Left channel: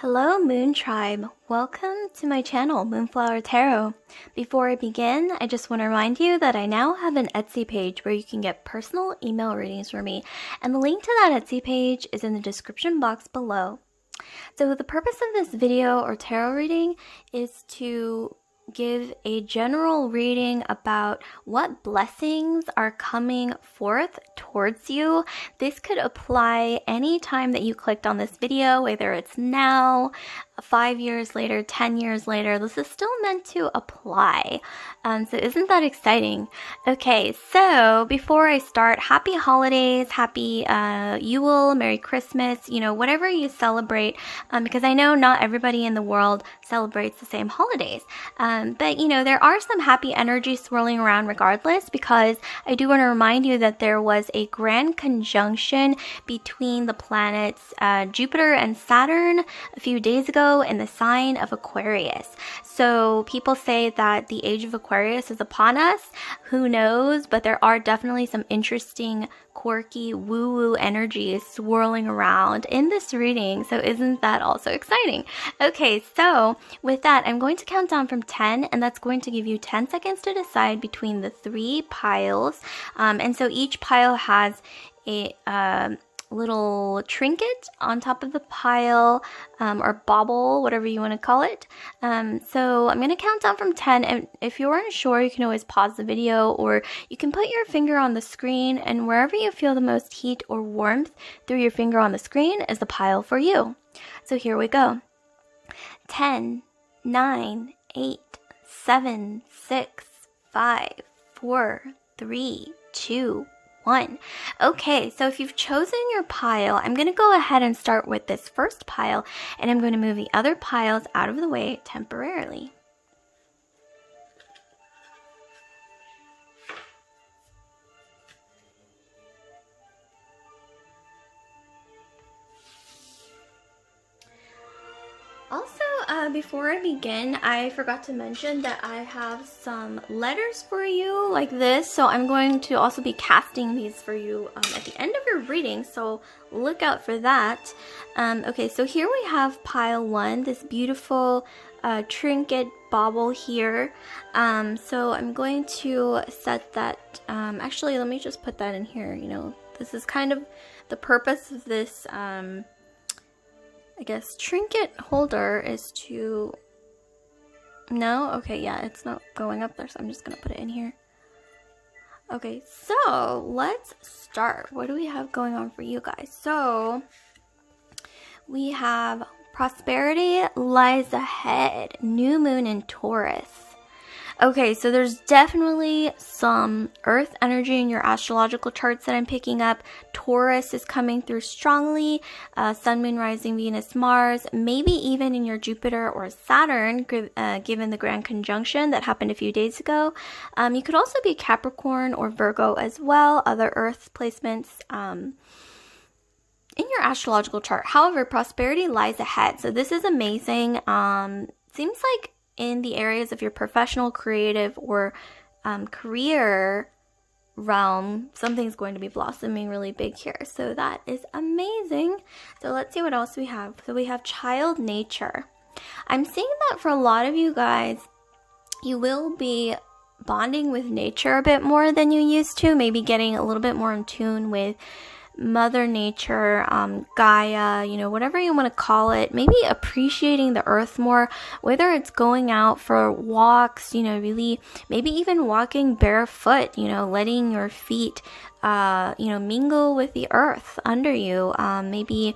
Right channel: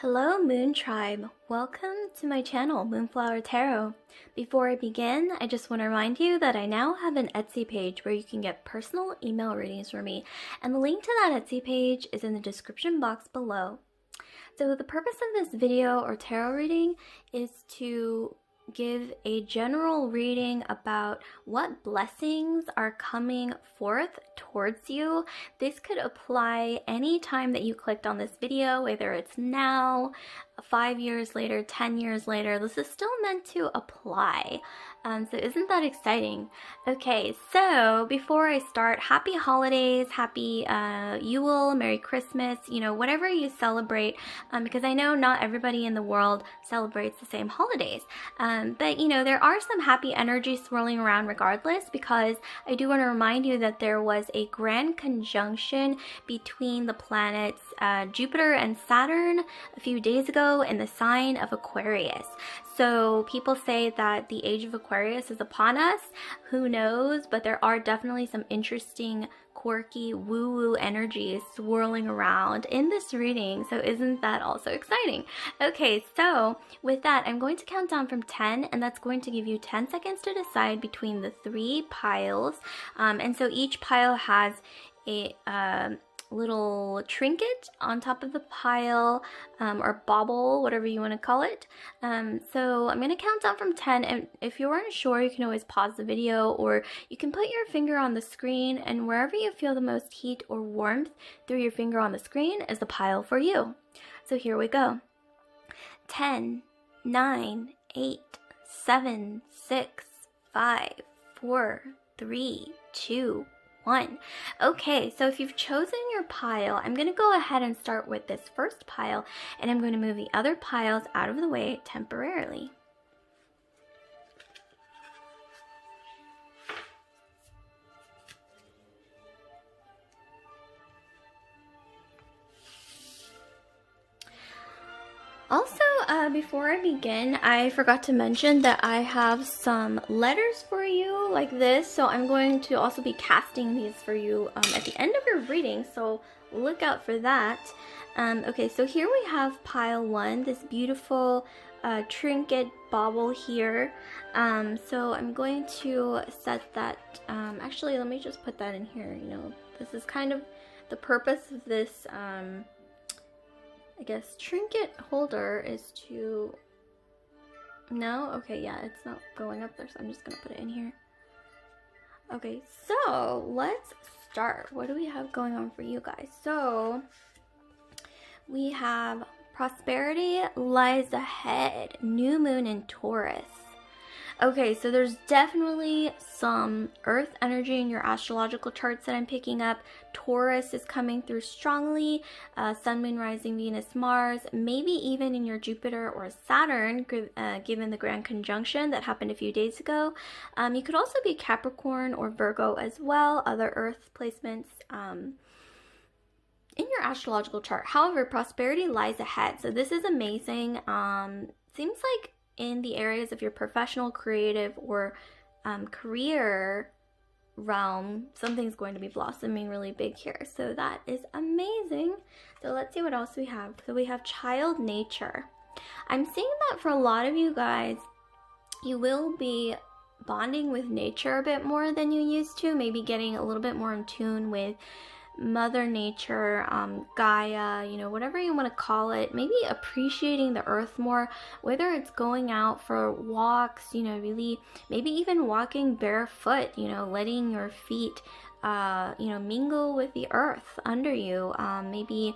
Hello Moon Tribe, welcome to my channel Moonflower Tarot. Before I begin, I just want to remind you that I now have an Etsy page where you can get personal email readings from me, and the link to that Etsy page is in the description box below. So the purpose of this video or tarot reading is to give a general reading about what blessings are coming forth towards you. This could apply any time that you clicked on this video, whether it's now, 5 years later, 10 years later. This is still meant to apply. So isn't that exciting? Okay, so before I start, happy holidays, happy Yule, Merry Christmas, whatever you celebrate, because I know not everybody in the world celebrates the same holidays. But there are some happy energies swirling around regardless, because I do want to remind you that there was a grand conjunction between the planets Jupiter and Saturn a few days ago in the sign of Aquarius. So people say that the age of Aquarius is upon us. Who knows? But there are definitely some interesting, quirky, woo-woo energies swirling around in this reading. So isn't that also exciting? Okay, so with that, I'm going to count down from 10, and that's going to give you 10 seconds to decide between the 3 piles. And so each pile has a little trinket on top of the pile, or bauble, whatever you want to call it. So I'm going to count down from 10, and if you aren't sure, you can always pause the video, or you can put your finger on the screen, and wherever you feel the most heat or warmth through your finger on the screen is the pile for you. So here we go. 10, 9, 8, 7, 6, 5, 4, 3, 2, 1. Okay, so if you've chosen your pile, I'm going to go ahead and start with this first pile, and I'm going to move the other piles out of the way temporarily. Also, before I begin, I forgot to mention that I have some letters for you like this, so I'm going to also be casting these for you at the end of your reading, so look out for that. Okay, so here we have pile 1, this beautiful trinket bauble here. So I'm going to set that, actually let me just put that in here. This is kind of the purpose of this I guess trinket holder is to, no? Okay, yeah, it's not going up there, so I'm just gonna put it in here. Okay, so let's start. What do we have going on for you guys? So we have prosperity lies ahead, new moon in Taurus. Okay, so there's definitely some earth energy in your astrological charts that I'm picking up. Taurus is coming through strongly, sun, moon, rising, Venus, Mars, maybe even in your Jupiter or Saturn, given the grand conjunction that happened a few days ago. You could also be Capricorn or Virgo as well, other earth placements in your astrological chart. However, prosperity lies ahead. So this is amazing. Seems like in the areas of your professional, creative, or career realm, something's going to be blossoming really big here. So that is amazing. So let's see what else we have. So we have child nature. I'm seeing that for a lot of you guys, you will be bonding with nature a bit more than you used to, maybe getting a little bit more in tune with Mother Nature, Gaia, whatever you want to call it. Maybe appreciating the earth more, whether it's going out for walks, really, maybe even walking barefoot, letting your feet, mingle with the earth under you. Maybe,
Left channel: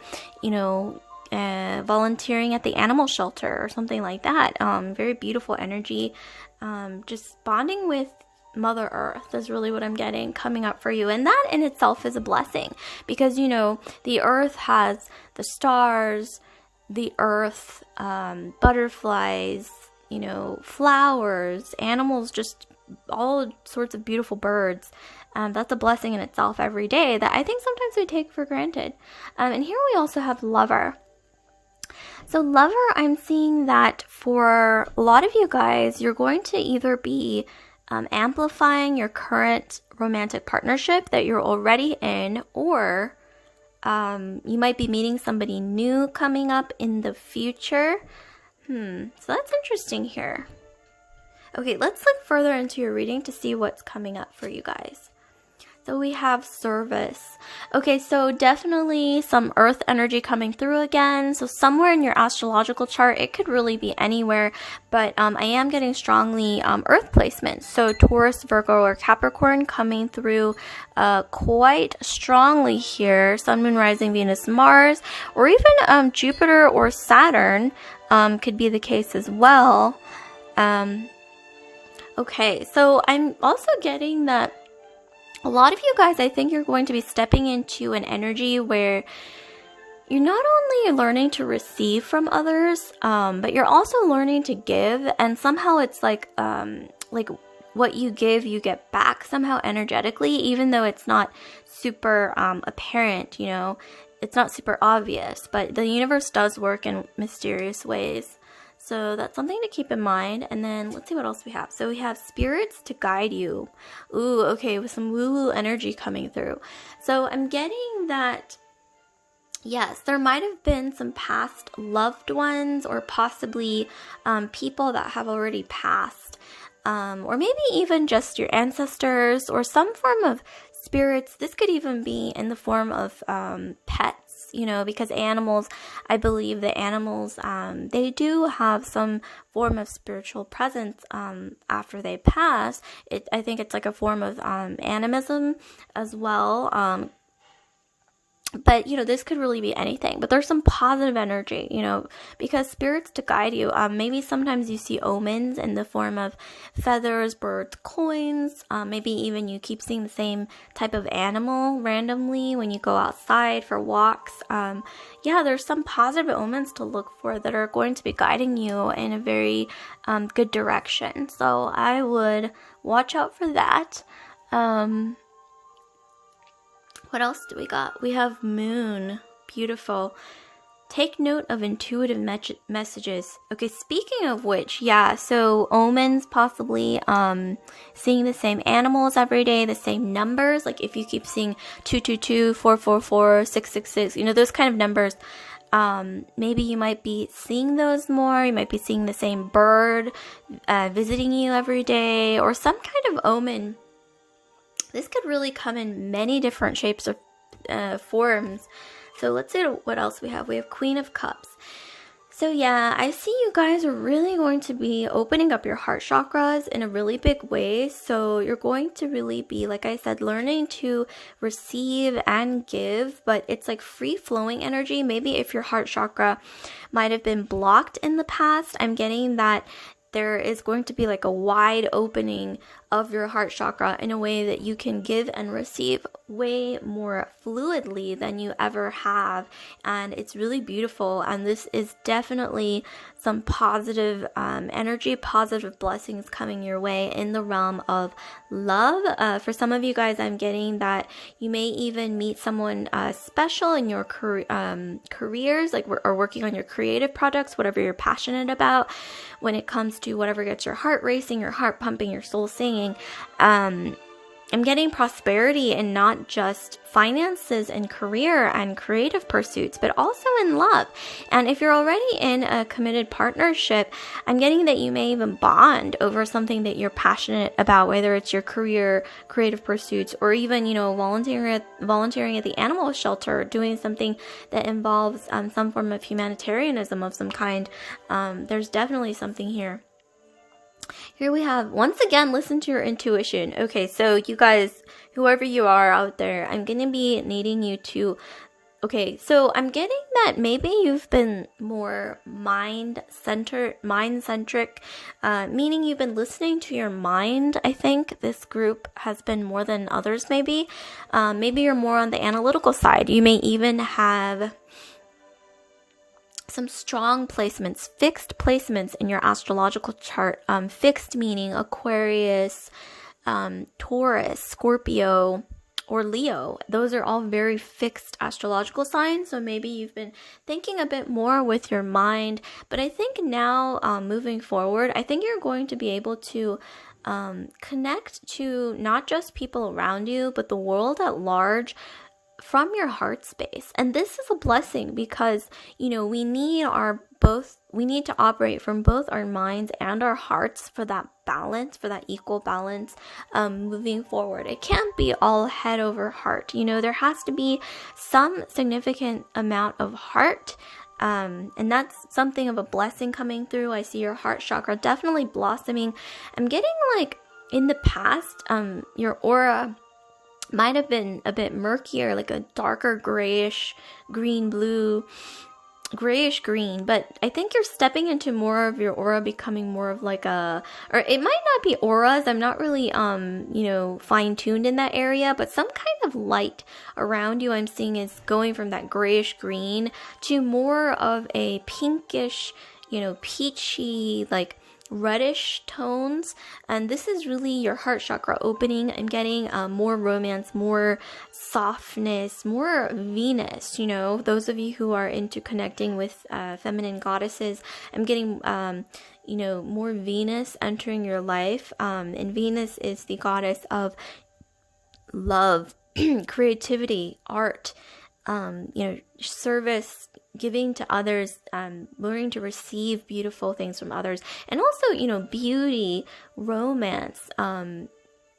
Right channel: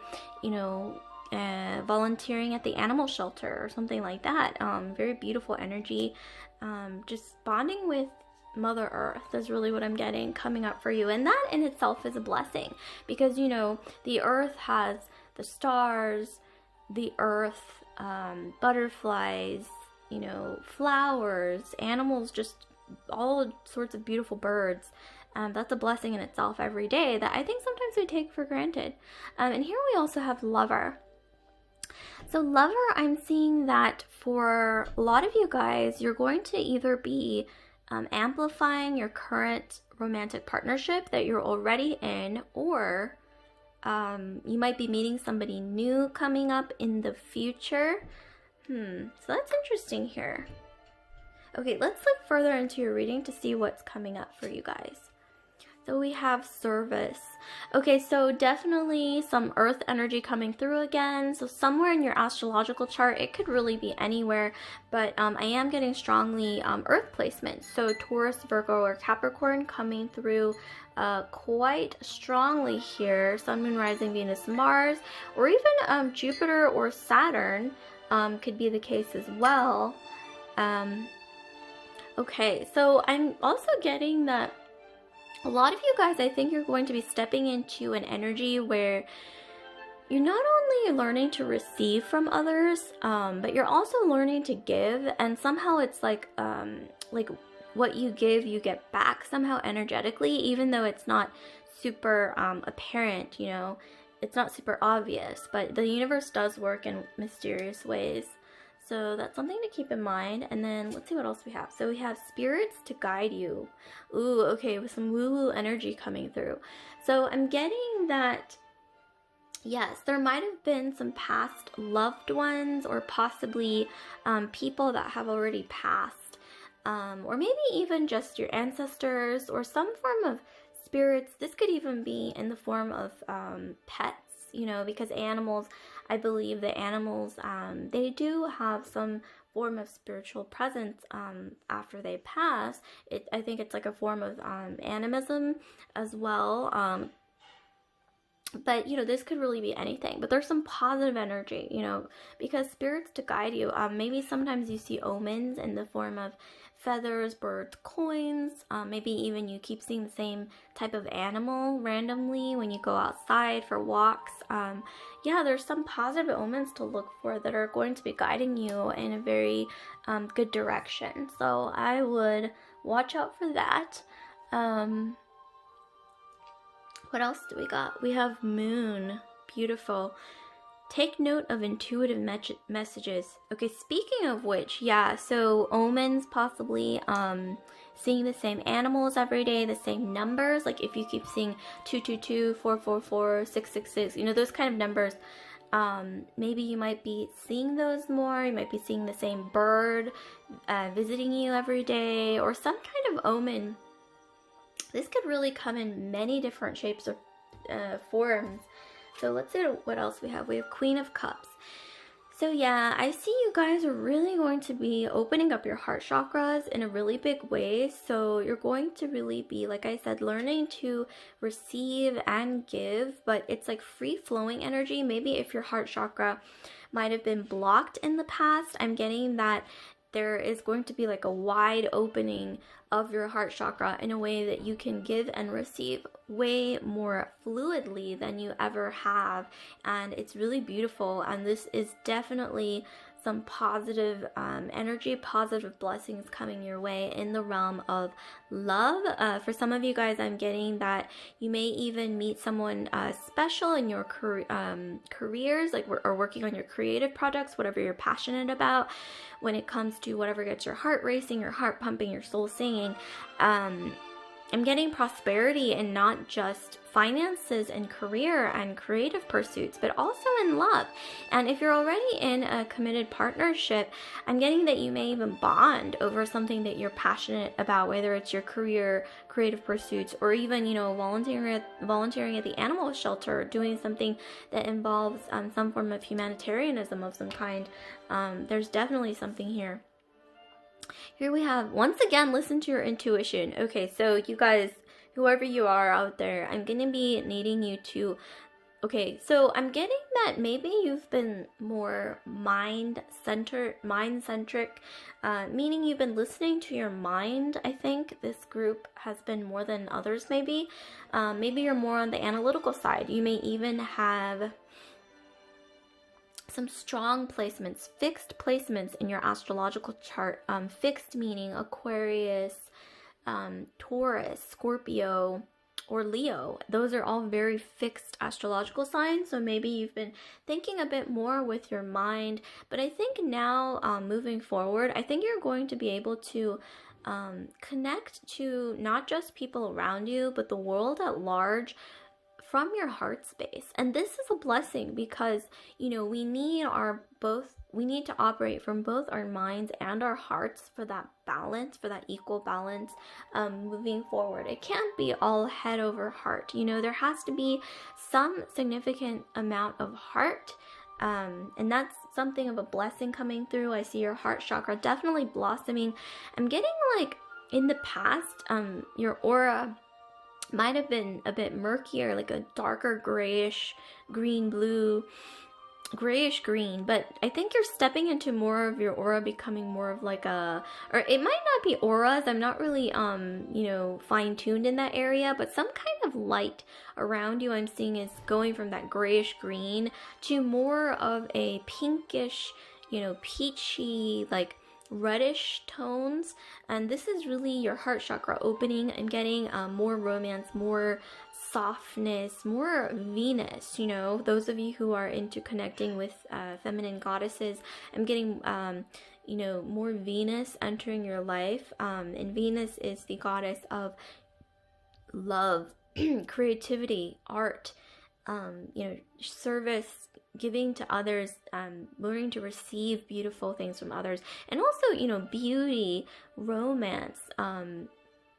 volunteering at the animal shelter or something like that. Very beautiful energy. Just bonding with Mother Earth is really what I'm getting coming up for you, and that in itself is a blessing, because the earth has the stars, the earth, butterflies, flowers, animals, just all sorts of beautiful birds. That's a blessing in itself every day that I think sometimes we take for granted. And here we also have lover. So lover, I'm seeing that for a lot of you guys, you're going to either be amplifying your current romantic partnership that you're already in, or You might be meeting somebody new coming up in the future. So that's interesting here. Okay, let's look further into your reading to see what's coming up for you guys. So we have service. Okay, so definitely some earth energy coming through again. So somewhere in your astrological chart, it could really be anywhere, but I am getting strongly earth placement. So Taurus, Virgo, or Capricorn coming through quite strongly here. Sun, Moon, Rising, Venus, Mars, or even Jupiter or Saturn could be the case as well. Okay, so I'm also getting that a lot of you guys, I think you're going to be stepping into an energy where you're not only learning to receive from others, but you're also learning to give. And somehow it's like what you give, you get back somehow energetically, even though it's not super apparent, you know, it's not super obvious, but the universe does work in mysterious ways. So that's something to keep in mind. And then let's see what else we have. So we have spirits to guide you. Ooh, okay, with some woo-woo energy coming through. So I'm getting that, yes, there might have been some past loved ones or possibly people that have already passed. Or maybe even just your ancestors or some form of spirits. This could even be in the form of pets. You know, because animals, I believe that animals, they do have some form of spiritual presence after they pass. I think it's like a form of animism as well. But, you know, this could really be anything. But there's some positive energy, you know, because spirits to guide you. Maybe sometimes you see omens in the form of feathers, birds, coins. Maybe even you keep seeing the same type of animal randomly when you go outside for walks. Yeah, there's some positive omens to look for that are going to be guiding you in a very good direction. So I would watch out for that. What else do we got? We have moon. Beautiful. Take note of intuitive messages. Okay, speaking of which, yeah, so omens possibly, seeing the same animals every day, the same numbers. Like if you keep seeing 222, 444, 666, you know, those kind of numbers. Maybe you might be seeing those more. You might be seeing the same bird visiting you every day, or some kind of omen. This could really come in many different shapes or forms. So let's see what else we have. We have Queen of Cups. So yeah, I see you guys are really going to be opening up your heart chakras in a really big way. So you're going to really be, like I said, learning to receive and give, but it's like free flowing energy. Maybe if your heart chakra might have been blocked in the past, I'm getting that there is going to be like a wide opening of your heart chakra in a way that you can give and receive way more fluidly than you ever have. And it's really beautiful. And this is definitely some positive energy, positive blessings coming your way in the realm of love. For some of you guys, I'm getting that you may even meet someone special in your careers, like or working on your creative projects, whatever you're passionate about. When it comes to whatever gets your heart racing, your heart pumping, your soul singing, I'm getting prosperity in not just finances and career and creative pursuits, but also in love. And if you're already in a committed partnership, I'm getting that you may even bond over something that you're passionate about, whether it's your career, creative pursuits, or even, you know, volunteering at the animal shelter, doing something that involves some form of humanitarianism of some kind. There's definitely something here. Here we have, once again, listen to your intuition. Okay, so you guys, whoever you are out there, I'm going to be needing you to, okay, so I'm getting that maybe you've been more mind-centric, meaning you've been listening to your mind. I think this group has been more than others maybe. Maybe you're more on the analytical side. You may even have some strong placements, fixed placements in your astrological chart. Fixed meaning Aquarius, Taurus, Scorpio, or Leo. Those are all very fixed astrological signs. So maybe you've been thinking a bit more with your mind. But I think now, moving forward, I think you're going to be able to connect to not just people around you, but the world at large from your heart space. And this is a blessing because, you know, we need to operate from both our minds and our hearts for that balance, for that equal balance, moving forward. It can't be all head over heart. You know, there has to be some significant amount of heart. And that's something of a blessing coming through. I see your heart chakra definitely blossoming. I'm getting like in the past, your aura might have been a bit murkier, like a darker grayish green, blue, grayish green, but I think you're stepping into more of your aura becoming more of like or it might not be auras. I'm not really, you know, fine-tuned in that area, but some kind of light around you I'm seeing is going from that grayish green to more of a pinkish, you know, peachy, like reddish tones. And this is really your heart chakra opening. I'm getting more romance, more softness, more Venus. You know, those of you who are into connecting with feminine goddesses, I'm getting you know, more Venus entering your life. And Venus is the goddess of love, creativity, art, you know, service, giving to others, learning to receive beautiful things from others, and also, you know, beauty, romance,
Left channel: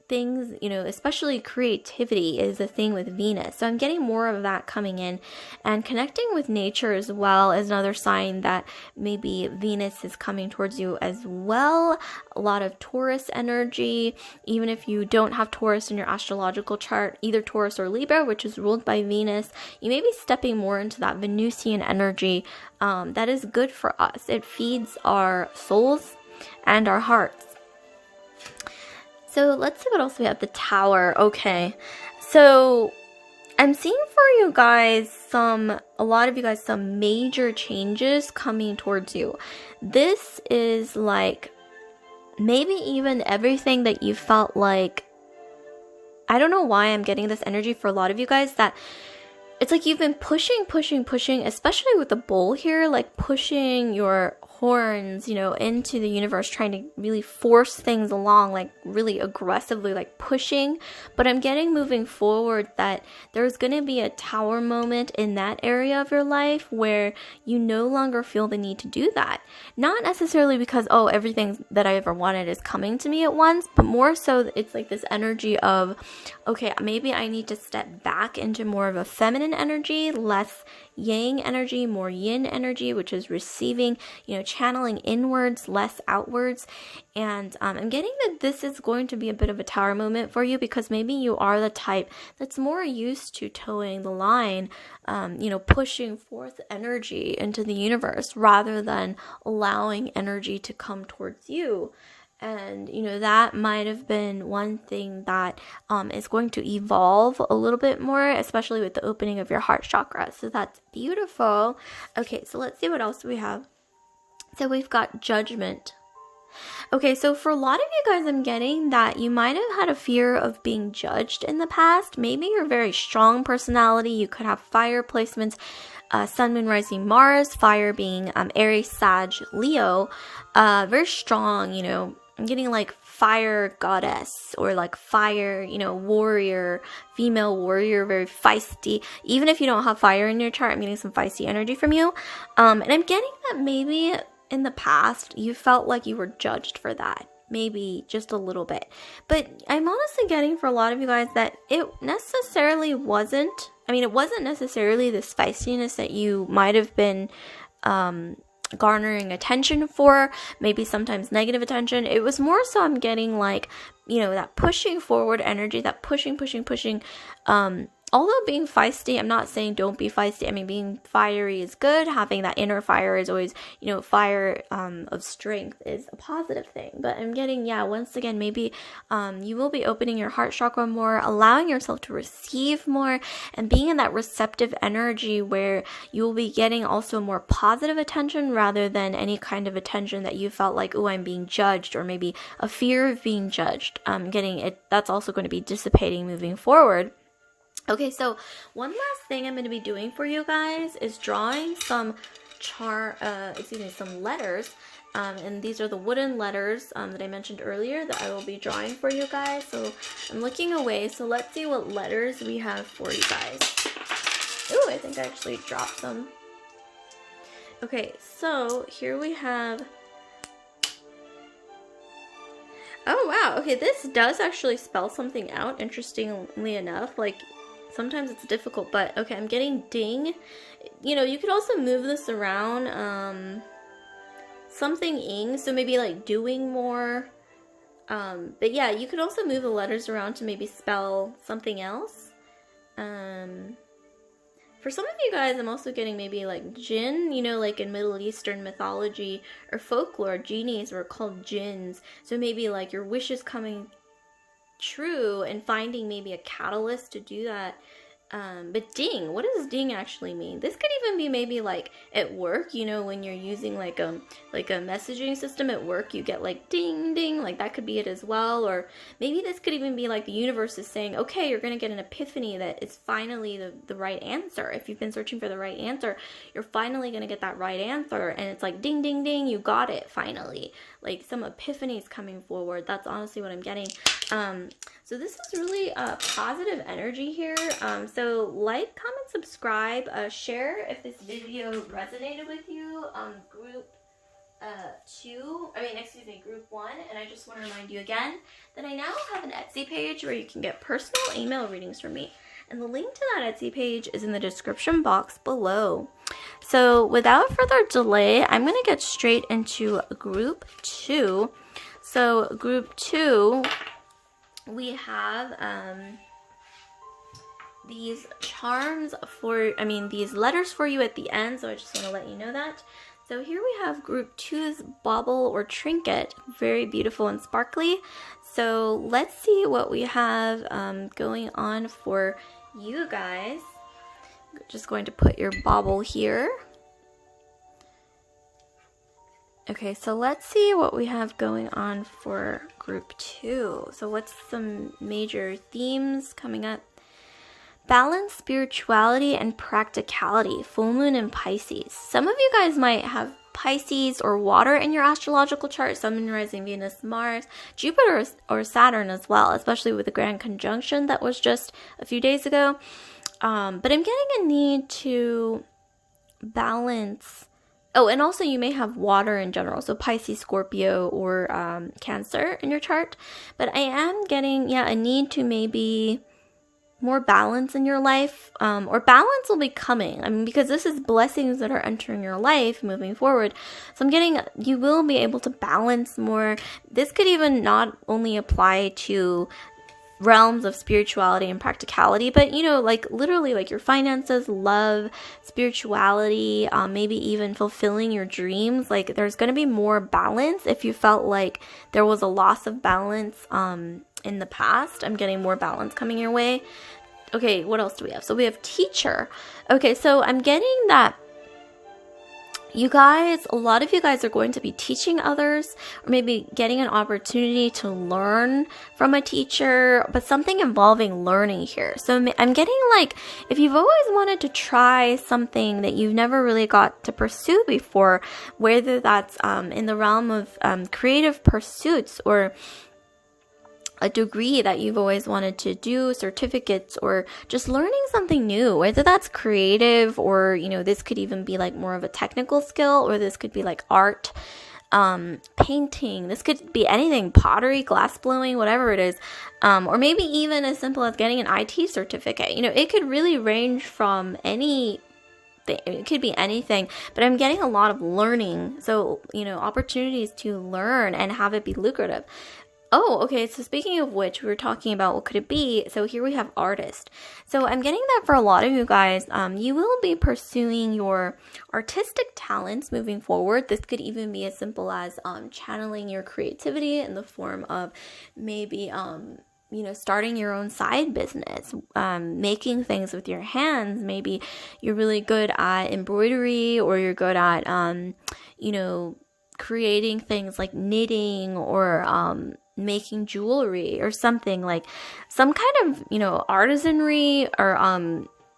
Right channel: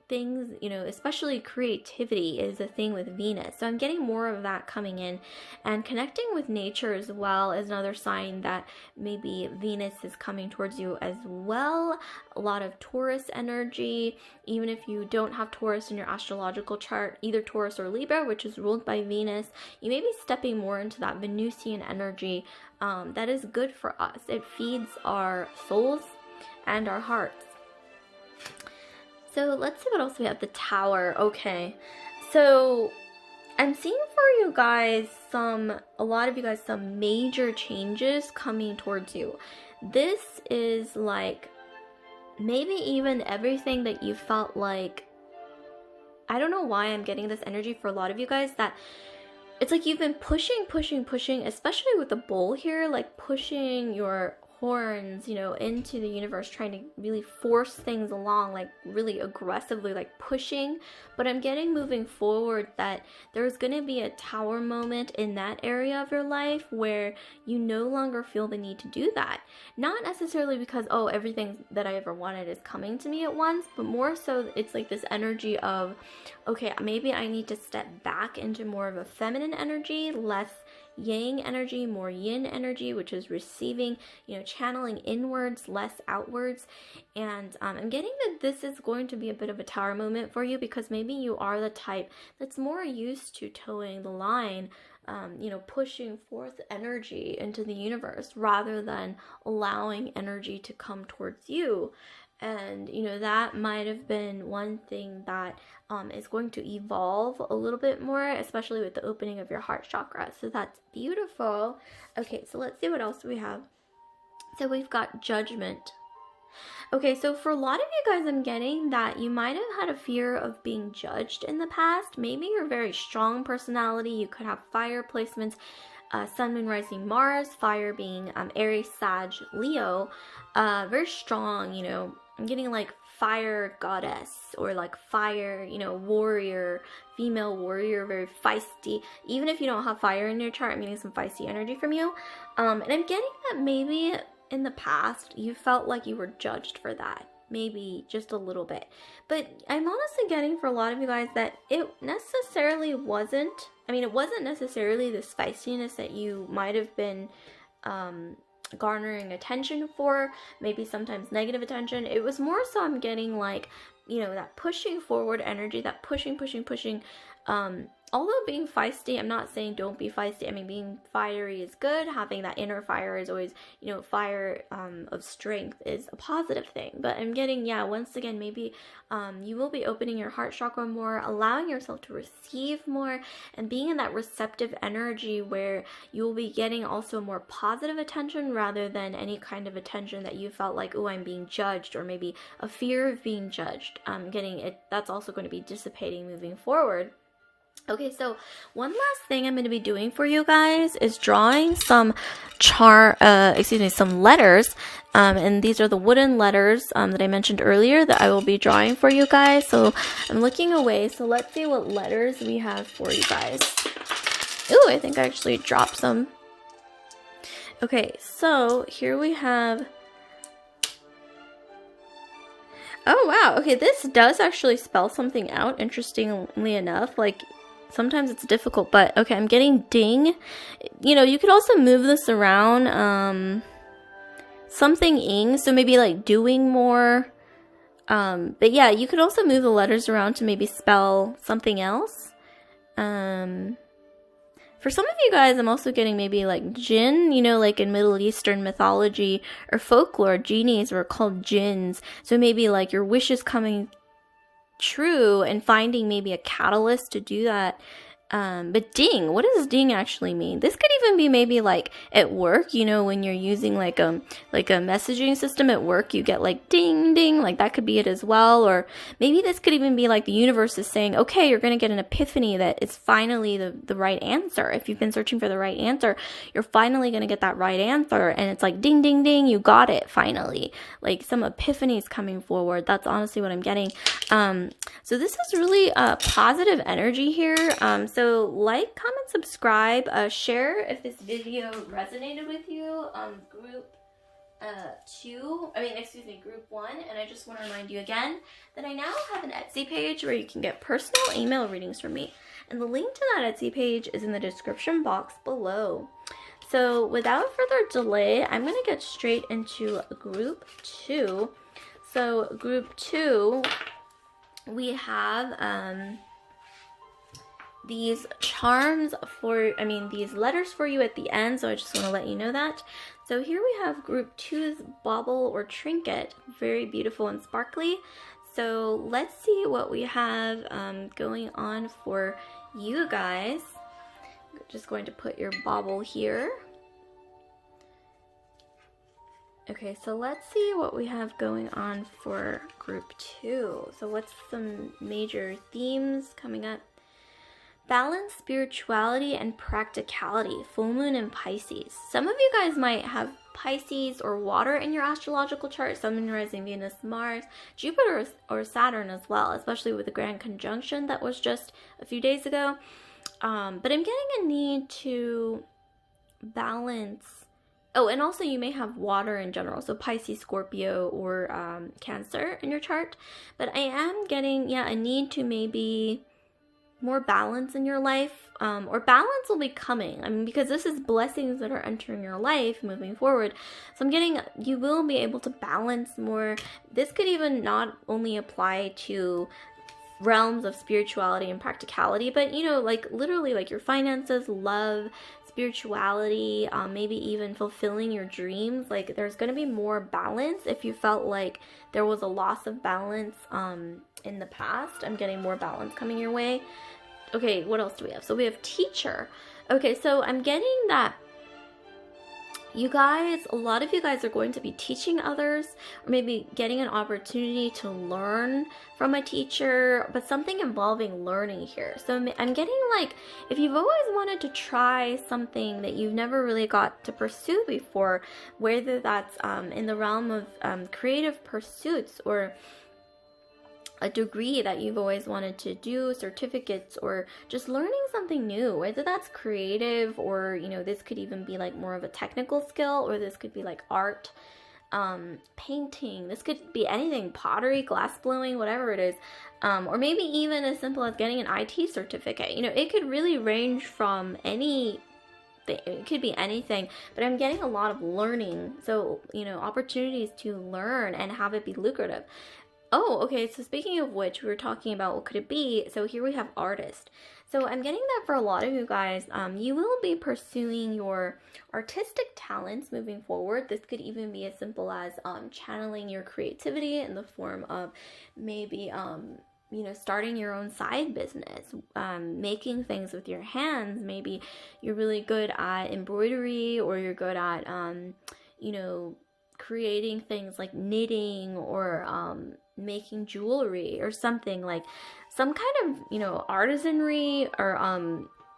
things, you know, especially creativity is a thing with Venus. So I'm getting more of that coming in, and connecting with nature as well is another sign that maybe Venus is coming towards you as well. A lot of Taurus energy, even if you don't have Taurus in your astrological chart, either Taurus or Libra, which is ruled by Venus, you may be stepping more into that Venusian energy. That is good for us. It feeds our souls and our hearts. So let's see what else we have. The Tower. Okay. So I'm seeing for you guys a lot of you guys, some major changes coming towards you. This is like maybe even everything that you felt like, I don't know why I'm getting this energy for a lot of you guys, that it's like you've been pushing, especially with the bull here, like pushing your horns, you know, into the universe, trying to really force things along, like really aggressively, like pushing. But I'm getting moving forward that there's going to be a tower moment in that area of your life where you no longer feel the need to do that. Not necessarily because, oh, everything that I ever wanted is coming to me at once, but more so it's like this energy of, okay, maybe I need to step back into more of a feminine energy, less yang energy, more yin energy, which is receiving, you know, channeling inwards, less outwards. And I'm getting that this is going to be a bit of a tower moment for you, because maybe you are the type that's more used to towing the line, you know, pushing forth energy into the universe rather than allowing energy to come towards you. And, you know, that might have been one thing that is going to evolve a little bit more, especially with the opening of your heart chakra. So that's beautiful. Okay, so let's see what else we have. So we've got Judgment. Okay, so for a lot of you guys, I'm getting that you might have had a fear of being judged in the past. Maybe you're a very strong personality. You could have fire placements, Sun, Moon, Rising, Mars, fire being Aries, Sag, Leo. Very strong, you know. I'm getting like fire goddess or like fire, you know, warrior, female warrior, very feisty. Even if you don't have fire in your chart, I'm getting some feisty energy from you. And I'm getting that maybe in the past you felt like you were judged for that. Maybe just a little bit. But I'm honestly getting for a lot of you guys that it necessarily wasn't. I mean, it wasn't necessarily this feistiness that you might have been garnering attention for, maybe sometimes negative attention. It was more so I'm getting like, you know, that pushing forward energy, that pushing. Although being feisty, I'm not saying don't be feisty. I mean, being fiery is good. Having that inner fire is always, you know, fire of strength is a positive thing. But I'm getting, yeah, once again, maybe you will be opening your heart chakra more, allowing yourself to receive more, and being in that receptive energy where you will be getting also more positive attention rather than any kind of attention that you felt like, oh, I'm being judged, or maybe a fear of being judged. Getting it, that's also going to be dissipating moving forward. Okay, so one last thing I'm going to be doing for you guys is drawing some some letters. And these are the wooden letters that I mentioned earlier that I will be drawing for you guys. So I'm looking away. So let's see what letters we have for you guys. Ooh, I think I actually dropped some. Okay, so here we have... Oh, wow. Okay, this does actually spell something out, interestingly enough. Like, sometimes it's difficult, but okay, I'm getting ding. You know, you could also move this around. Something ing, so maybe like doing more. But yeah, you could also move the letters around to maybe spell something else. For some of you guys, I'm also getting maybe like jinn, you know, like in Middle Eastern mythology or folklore, genies were called jinns. So maybe like your wishes coming true and finding maybe a catalyst to do that. But ding, what does ding actually mean? This could even be maybe like at work, you know, when you're using like a messaging system at work, you get like ding, ding, like that could be it as well. Or maybe this could even be like the universe is saying, okay, you're going to get an epiphany that it's finally the right answer. If you've been searching for the right answer, you're finally going to get that right answer. And it's like ding, ding, ding, you got it finally. Like some epiphany is coming forward. That's honestly what I'm getting. So this is really positive energy here. So like, comment, subscribe, share if this video resonated with you. Group 1. And I just want to remind you again that I now have an Etsy page where you can get personal email readings from me. And the link to that Etsy page is in the description box below. So without further delay, I'm going to get straight into group 2. So group 2, we have these charms these letters for you at the end. So I just want to let you know that. So here we have group 2's bauble or trinket, very beautiful and sparkly. So let's see what we have going on for you guys. I'm just going to put your bauble here. Okay, so let's see what we have going on for group 2. So what's some major themes coming up? Balance, spirituality, and practicality. Full moon in Pisces. Some of you guys might have Pisces or water in your astrological chart. Sun, rising, Venus, Mars, Jupiter, or Saturn as well, especially with the grand conjunction that was just a few days ago. But I'm getting a need to balance. Oh, and also you may have water in general, so Pisces, Scorpio, or Cancer in your chart. But I am getting, a need to maybe more balance in your life, or balance will be coming. Because this is blessings that are entering your life moving forward. So I'm getting, you will be able to balance more. This could even not only apply to realms of spirituality and practicality, but like literally like your finances, love, spirituality, maybe even fulfilling your dreams. Like there's going to be more balance. If you felt like there was a loss of balance in the past, I'm getting more balance coming your way. Okay, what else do we have? So we have teacher. Okay, so I'm getting that you guys, a lot of you guys are going to be teaching others, or maybe getting an opportunity to learn from a teacher, but something involving learning here. So I'm getting like, if you've always wanted to try something that you've never really got to pursue before, whether that's in the realm of creative pursuits, or a degree that you've always wanted to do, certificates, or just learning something new, whether that's creative, or this could even be like more of a technical skill, or this could be like art, painting, this could be anything, pottery, glass blowing, whatever it is, or maybe even as simple as getting an IT certificate. It could really range from it could be anything, but I'm getting a lot of learning, so opportunities to learn and have it be lucrative. Oh, okay, so speaking of which, we were talking about what could it be. So here we have artist. So I'm getting that for a lot of you guys, you will be pursuing your artistic talents moving forward. This could even be as simple as channeling your creativity in the form of maybe starting your own side business, making things with your hands. Maybe you're really good at embroidery, or you're good at creating things like knitting, or making jewelry, or something like some kind of artisanry, or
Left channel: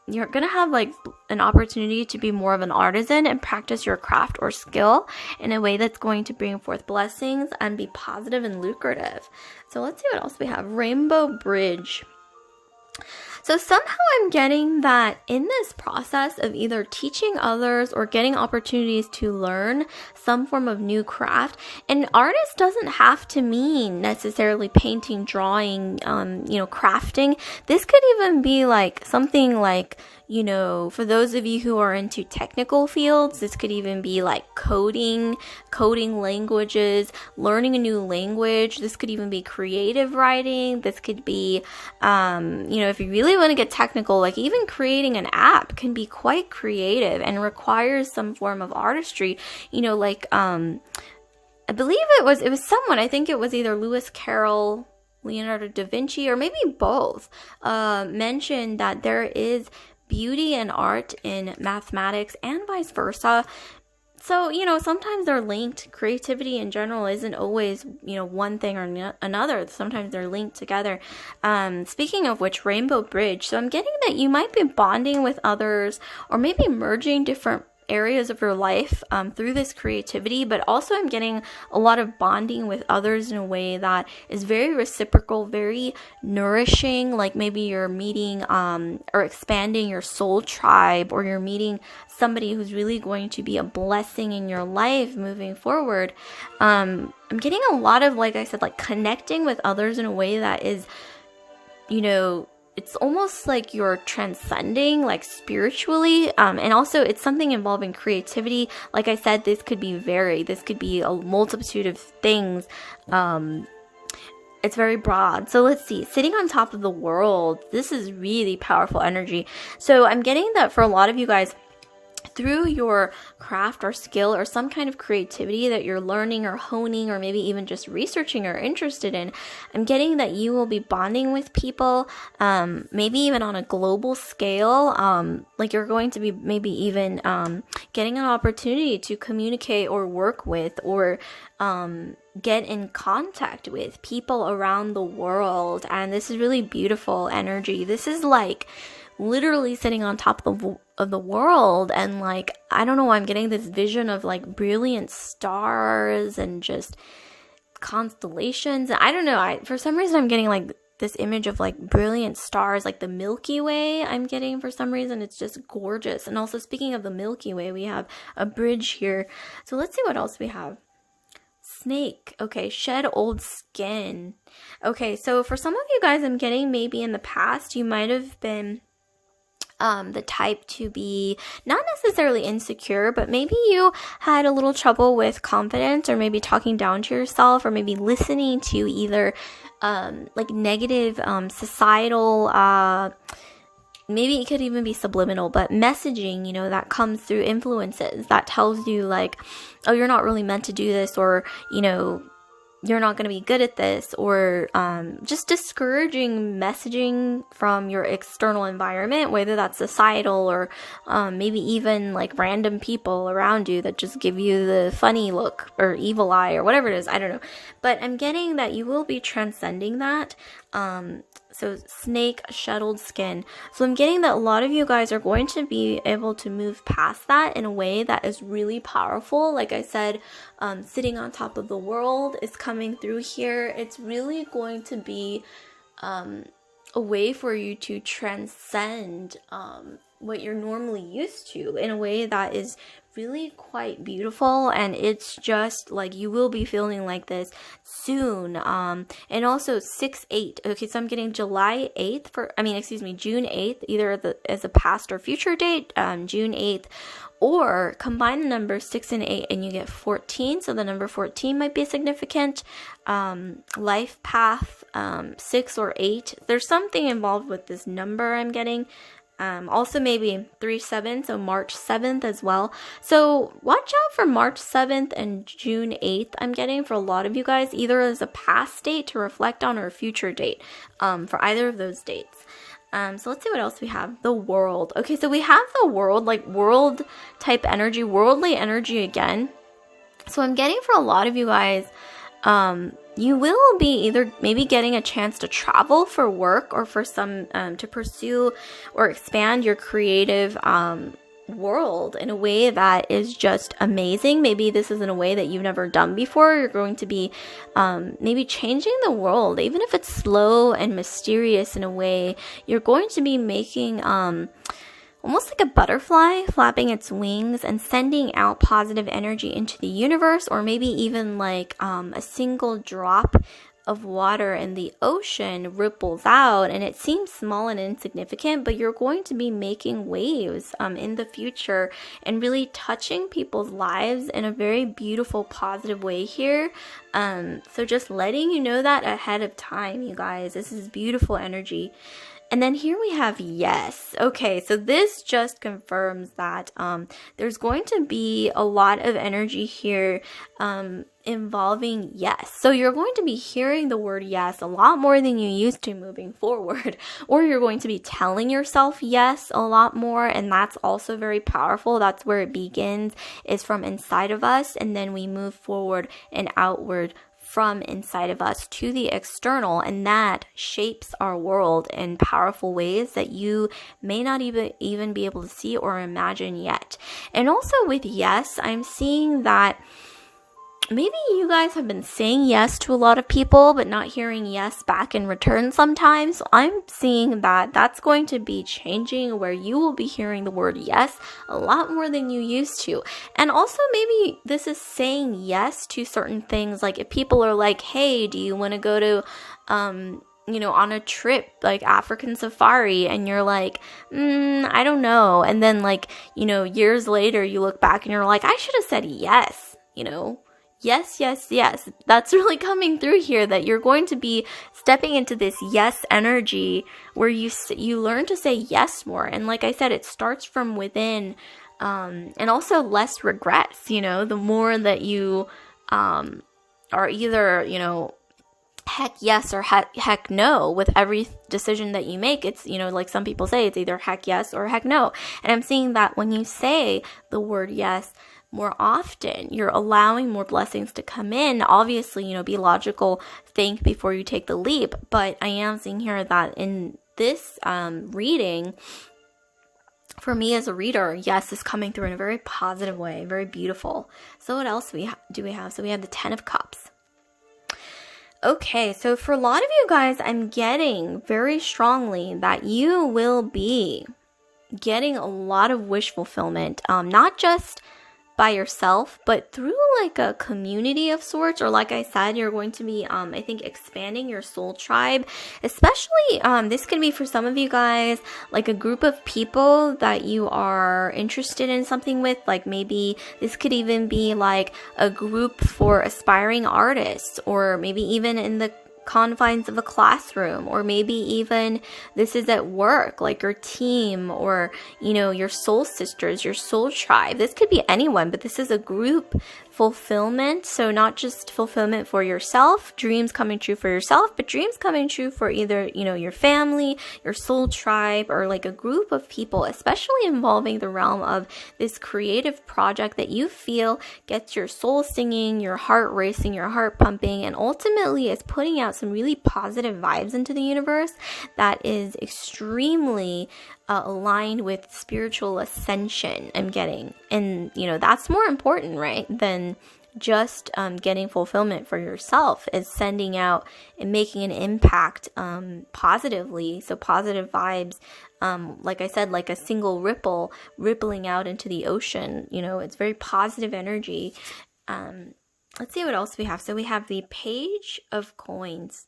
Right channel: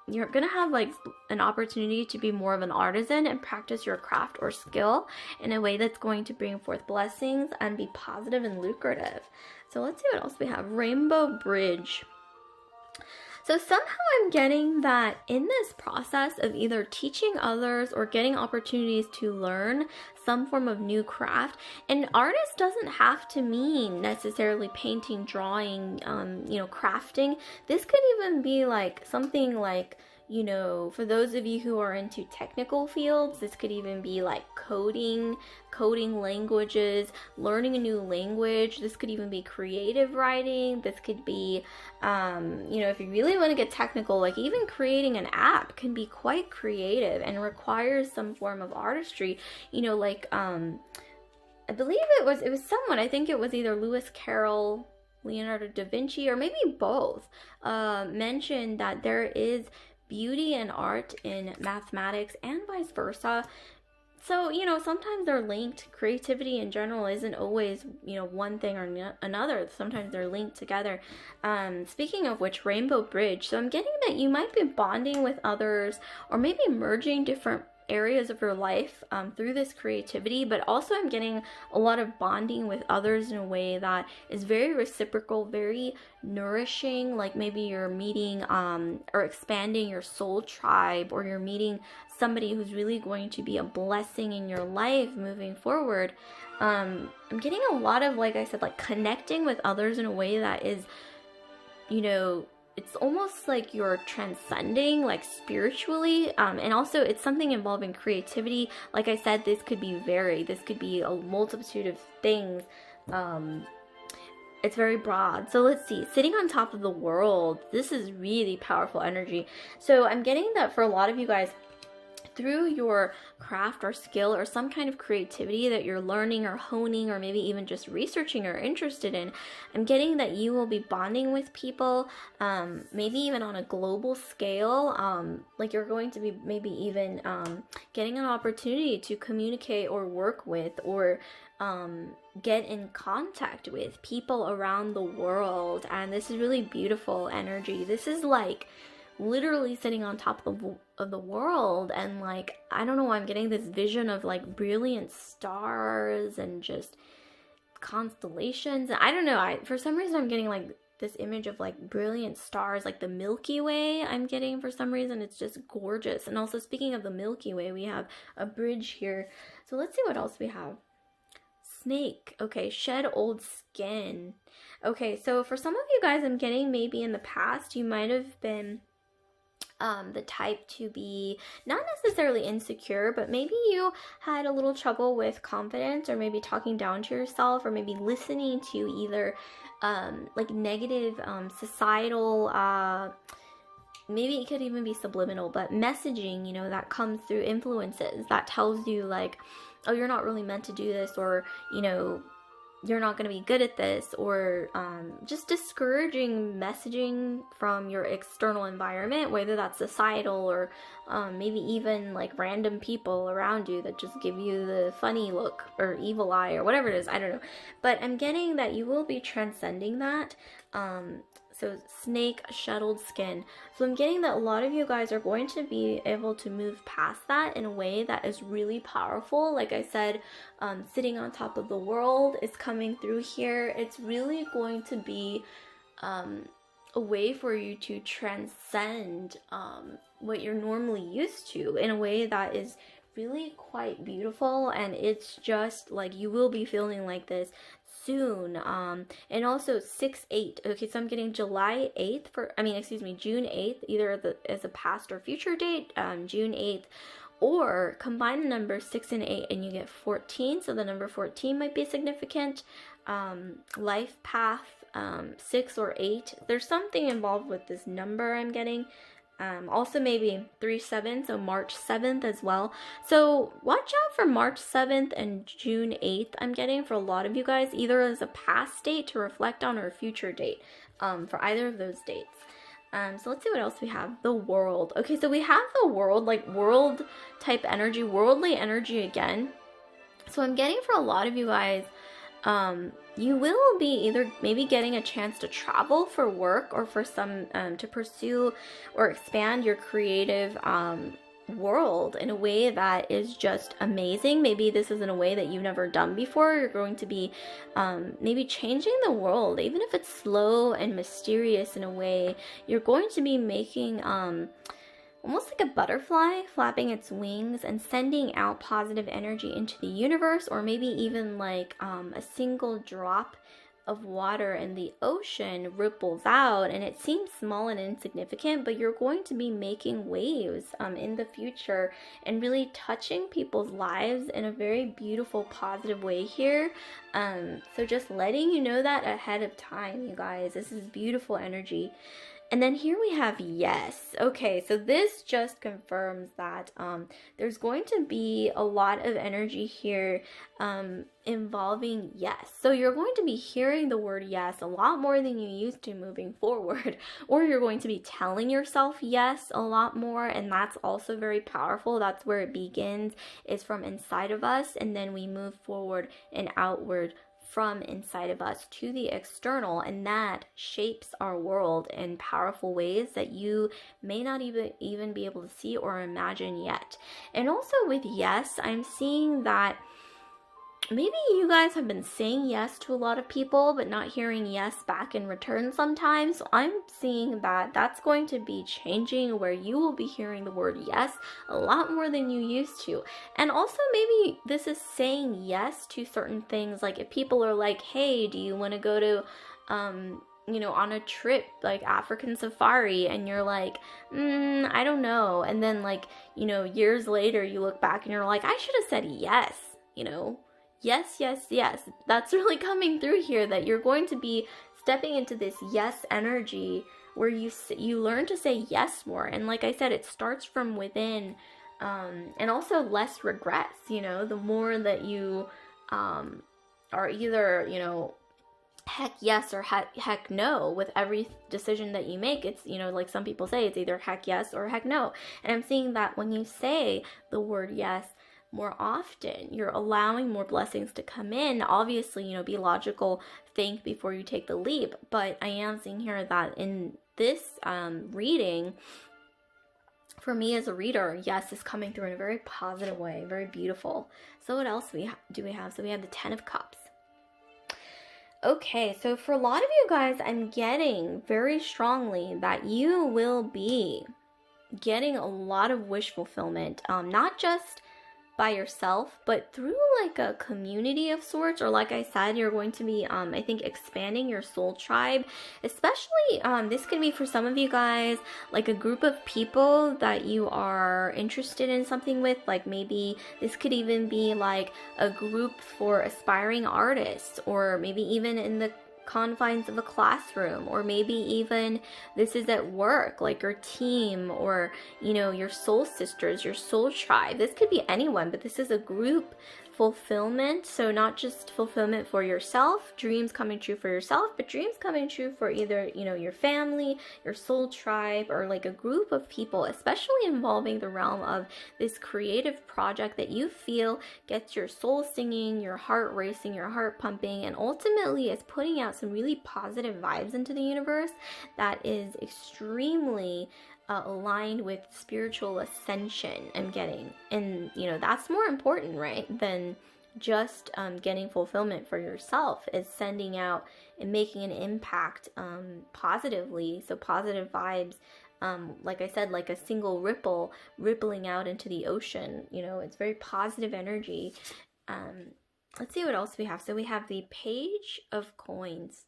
you're gonna have like an opportunity to be more of an artisan and practice your craft or skill in a way that's going to bring forth blessings and be positive and lucrative. So let's see what else we have. Rainbow Bridge. So somehow I'm getting that in this process of either teaching others or getting opportunities to learn some form of new craft, an artist doesn't have to mean necessarily painting, drawing, crafting. This could even be like something like, for those of you who are into technical fields, this could even be like coding languages, learning a new language. This could even be creative writing. This could be, if you really want to get technical, like even creating an app can be quite creative and requires some form of artistry, I believe it was someone, I think it was either Lewis Carroll, Leonardo da Vinci, or maybe both, mentioned that there is beauty and art in mathematics and vice versa. So, sometimes they're linked. Creativity in general isn't always, one thing or another. Sometimes they're linked together. Speaking of which, Rainbow Bridge. So I'm getting that you might be bonding with others or maybe merging different areas of your life through this creativity, but also I'm getting a lot of bonding with others in a way that is very reciprocal, very nourishing. Like maybe you're meeting or expanding your soul tribe, or you're meeting somebody who's really going to be a blessing in your life moving forward. I'm getting a lot of, like I said, like connecting with others in a way that is, it's almost like you're transcending, like spiritually, and also it's something involving creativity. Like I said, this could be varied. This could be a multitude of things. It's very broad. So let's see. Sitting on top of the world. This is really powerful energy. So I'm getting that for a lot of you guys, through your craft or skill or some kind of creativity that you're learning or honing or maybe even just researching or interested in, I'm getting that you will be bonding with people, maybe even on a global scale, like you're going to be maybe even getting an opportunity to communicate or work with or get in contact with people around the world. And this is really beautiful energy. This is like literally sitting on top of the world, and like, I don't know why I'm getting this vision of like brilliant stars and just constellations. I don't know, for some reason I'm getting like this image of like brilliant stars, like the Milky Way. I'm getting, for some reason, it's just gorgeous. And also, speaking of the Milky Way, we have a bridge here. So let's see what else we have. Snake. Okay, shed old skin. Okay, so for some of you guys, I'm getting maybe in the past you might have been the type to be not necessarily insecure, but maybe you had a little trouble with confidence, or maybe talking down to yourself, or maybe listening to either like negative societal, maybe it could even be subliminal, but messaging, that comes through influences that tells you like, oh, you're not really meant to do this, or you're not going to be good at this, or just discouraging messaging from your external environment, whether that's societal or maybe even like random people around you that just give you the funny look or evil eye or whatever it is. I don't know. But I'm getting that you will be transcending that. So snake, shuttled skin. So I'm getting that a lot of you guys are going to be able to move past that in a way that is really powerful. Like I said, sitting on top of the world is coming through here. It's really going to be a way for you to transcend what you're normally used to in a way that is really quite beautiful. And it's just like you will be feeling like this soon. And also 6/8. Okay, so I'm getting June 8th, either as a past or future date, June 8th. Or combine the numbers 6 and 8 and you get 14. So the number 14 might be significant. Life path, 6 or 8. There's something involved with this number I'm getting. Also maybe 3/7, so March 7th as well. So watch out for March 7th and June 8th. I'm getting for a lot of you guys, either as a past date to reflect on or a future date, for either of those dates. So let's see what else we have. The world. Okay, so we have the world, like world type energy, worldly energy again. So I'm getting for a lot of you guys, you will be either maybe getting a chance to travel for work or for some to pursue or expand your creative world in a way that is just amazing. Maybe this is in a way that you've never done before. You're going to be maybe changing the world, even if it's slow and mysterious in a way. You're going to be making almost like a butterfly flapping its wings and sending out positive energy into the universe, or maybe even like a single drop of water in the ocean ripples out, and it seems small and insignificant, but you're going to be making waves in the future and really touching people's lives in a very beautiful, positive way here. So just letting you know that ahead of time, you guys. This is beautiful energy. And then here we have yes. Okay, so this just confirms that there's going to be a lot of energy here involving yes. So you're going to be hearing the word yes a lot more than you used to moving forward, or you're going to be telling yourself yes a lot more, and that's also very powerful. That's where it begins, is from inside of us, and then we move forward and outward from inside of us to the external, and that shapes our world in powerful ways that you may not even be able to see or imagine yet. And also with yes, I'm seeing that maybe you guys have been saying yes to a lot of people but not hearing yes back in return sometimes. So I'm seeing that that's going to be changing, where you will be hearing the word yes a lot more than you used to. And also maybe this is saying yes to certain things, like if people are like, hey, do you want to go to on a trip like African safari, and you're like, I don't know, and then like years later you look back and you're like, I should have said yes. Yes, yes, yes. That's really coming through here, that you're going to be stepping into this yes energy where you learn to say yes more. And like I said, it starts from within, and also less regrets. The more that you are either, heck yes or heck no with every decision that you make. It's, like some people say, it's either heck yes or heck no. And I'm seeing that when you say the word yes more often, you're allowing more blessings to come in. Obviously, be logical, think before you take the leap. But I am seeing here that in this reading, for me as a reader, yes is coming through in a very positive way, very beautiful. So what else do we have? So we have the 10 of Cups. Okay, so for a lot of you guys, I'm getting very strongly that you will be getting a lot of wish fulfillment, not just by yourself, but through like a community of sorts, or like I said, you're going to be I think expanding your soul tribe. Especially this could be for some of you guys like a group of people that you are interested in something with. Like maybe this could even be like a group for aspiring artists, or maybe even in the confines of a classroom, or maybe even this is at work, like your team, or your soul sisters, your soul tribe. This could be anyone, but this is a group fulfillment. So not just fulfillment for yourself, dreams coming true for yourself, but dreams coming true for either your family, your soul tribe, or like a group of people, especially involving the realm of this creative project that you feel gets your soul singing, your heart racing, your heart pumping, and ultimately is putting out some really positive vibes into the universe that is extremely aligned with spiritual ascension, I'm getting. And that's more important, right, than just getting fulfillment for yourself, is sending out and making an impact positively. So positive vibes, like I said, like a single ripple rippling out into the ocean. It's very positive energy. Let's see what else we have. So we have the Page of Coins.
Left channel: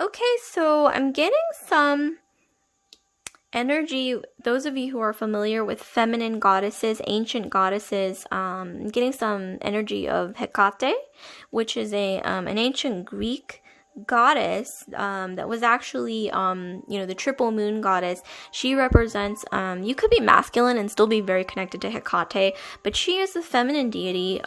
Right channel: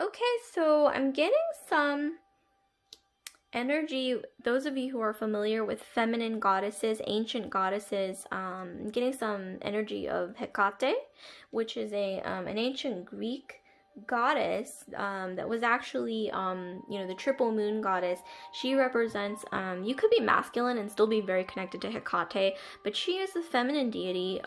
Okay, so I'm getting some energy. Those of you who are familiar with feminine goddesses, ancient goddesses, getting some energy of Hecate, which is an ancient Greek goddess that was actually the triple moon goddess. She represents you could be masculine and still be very connected to Hecate, but she is a feminine deity,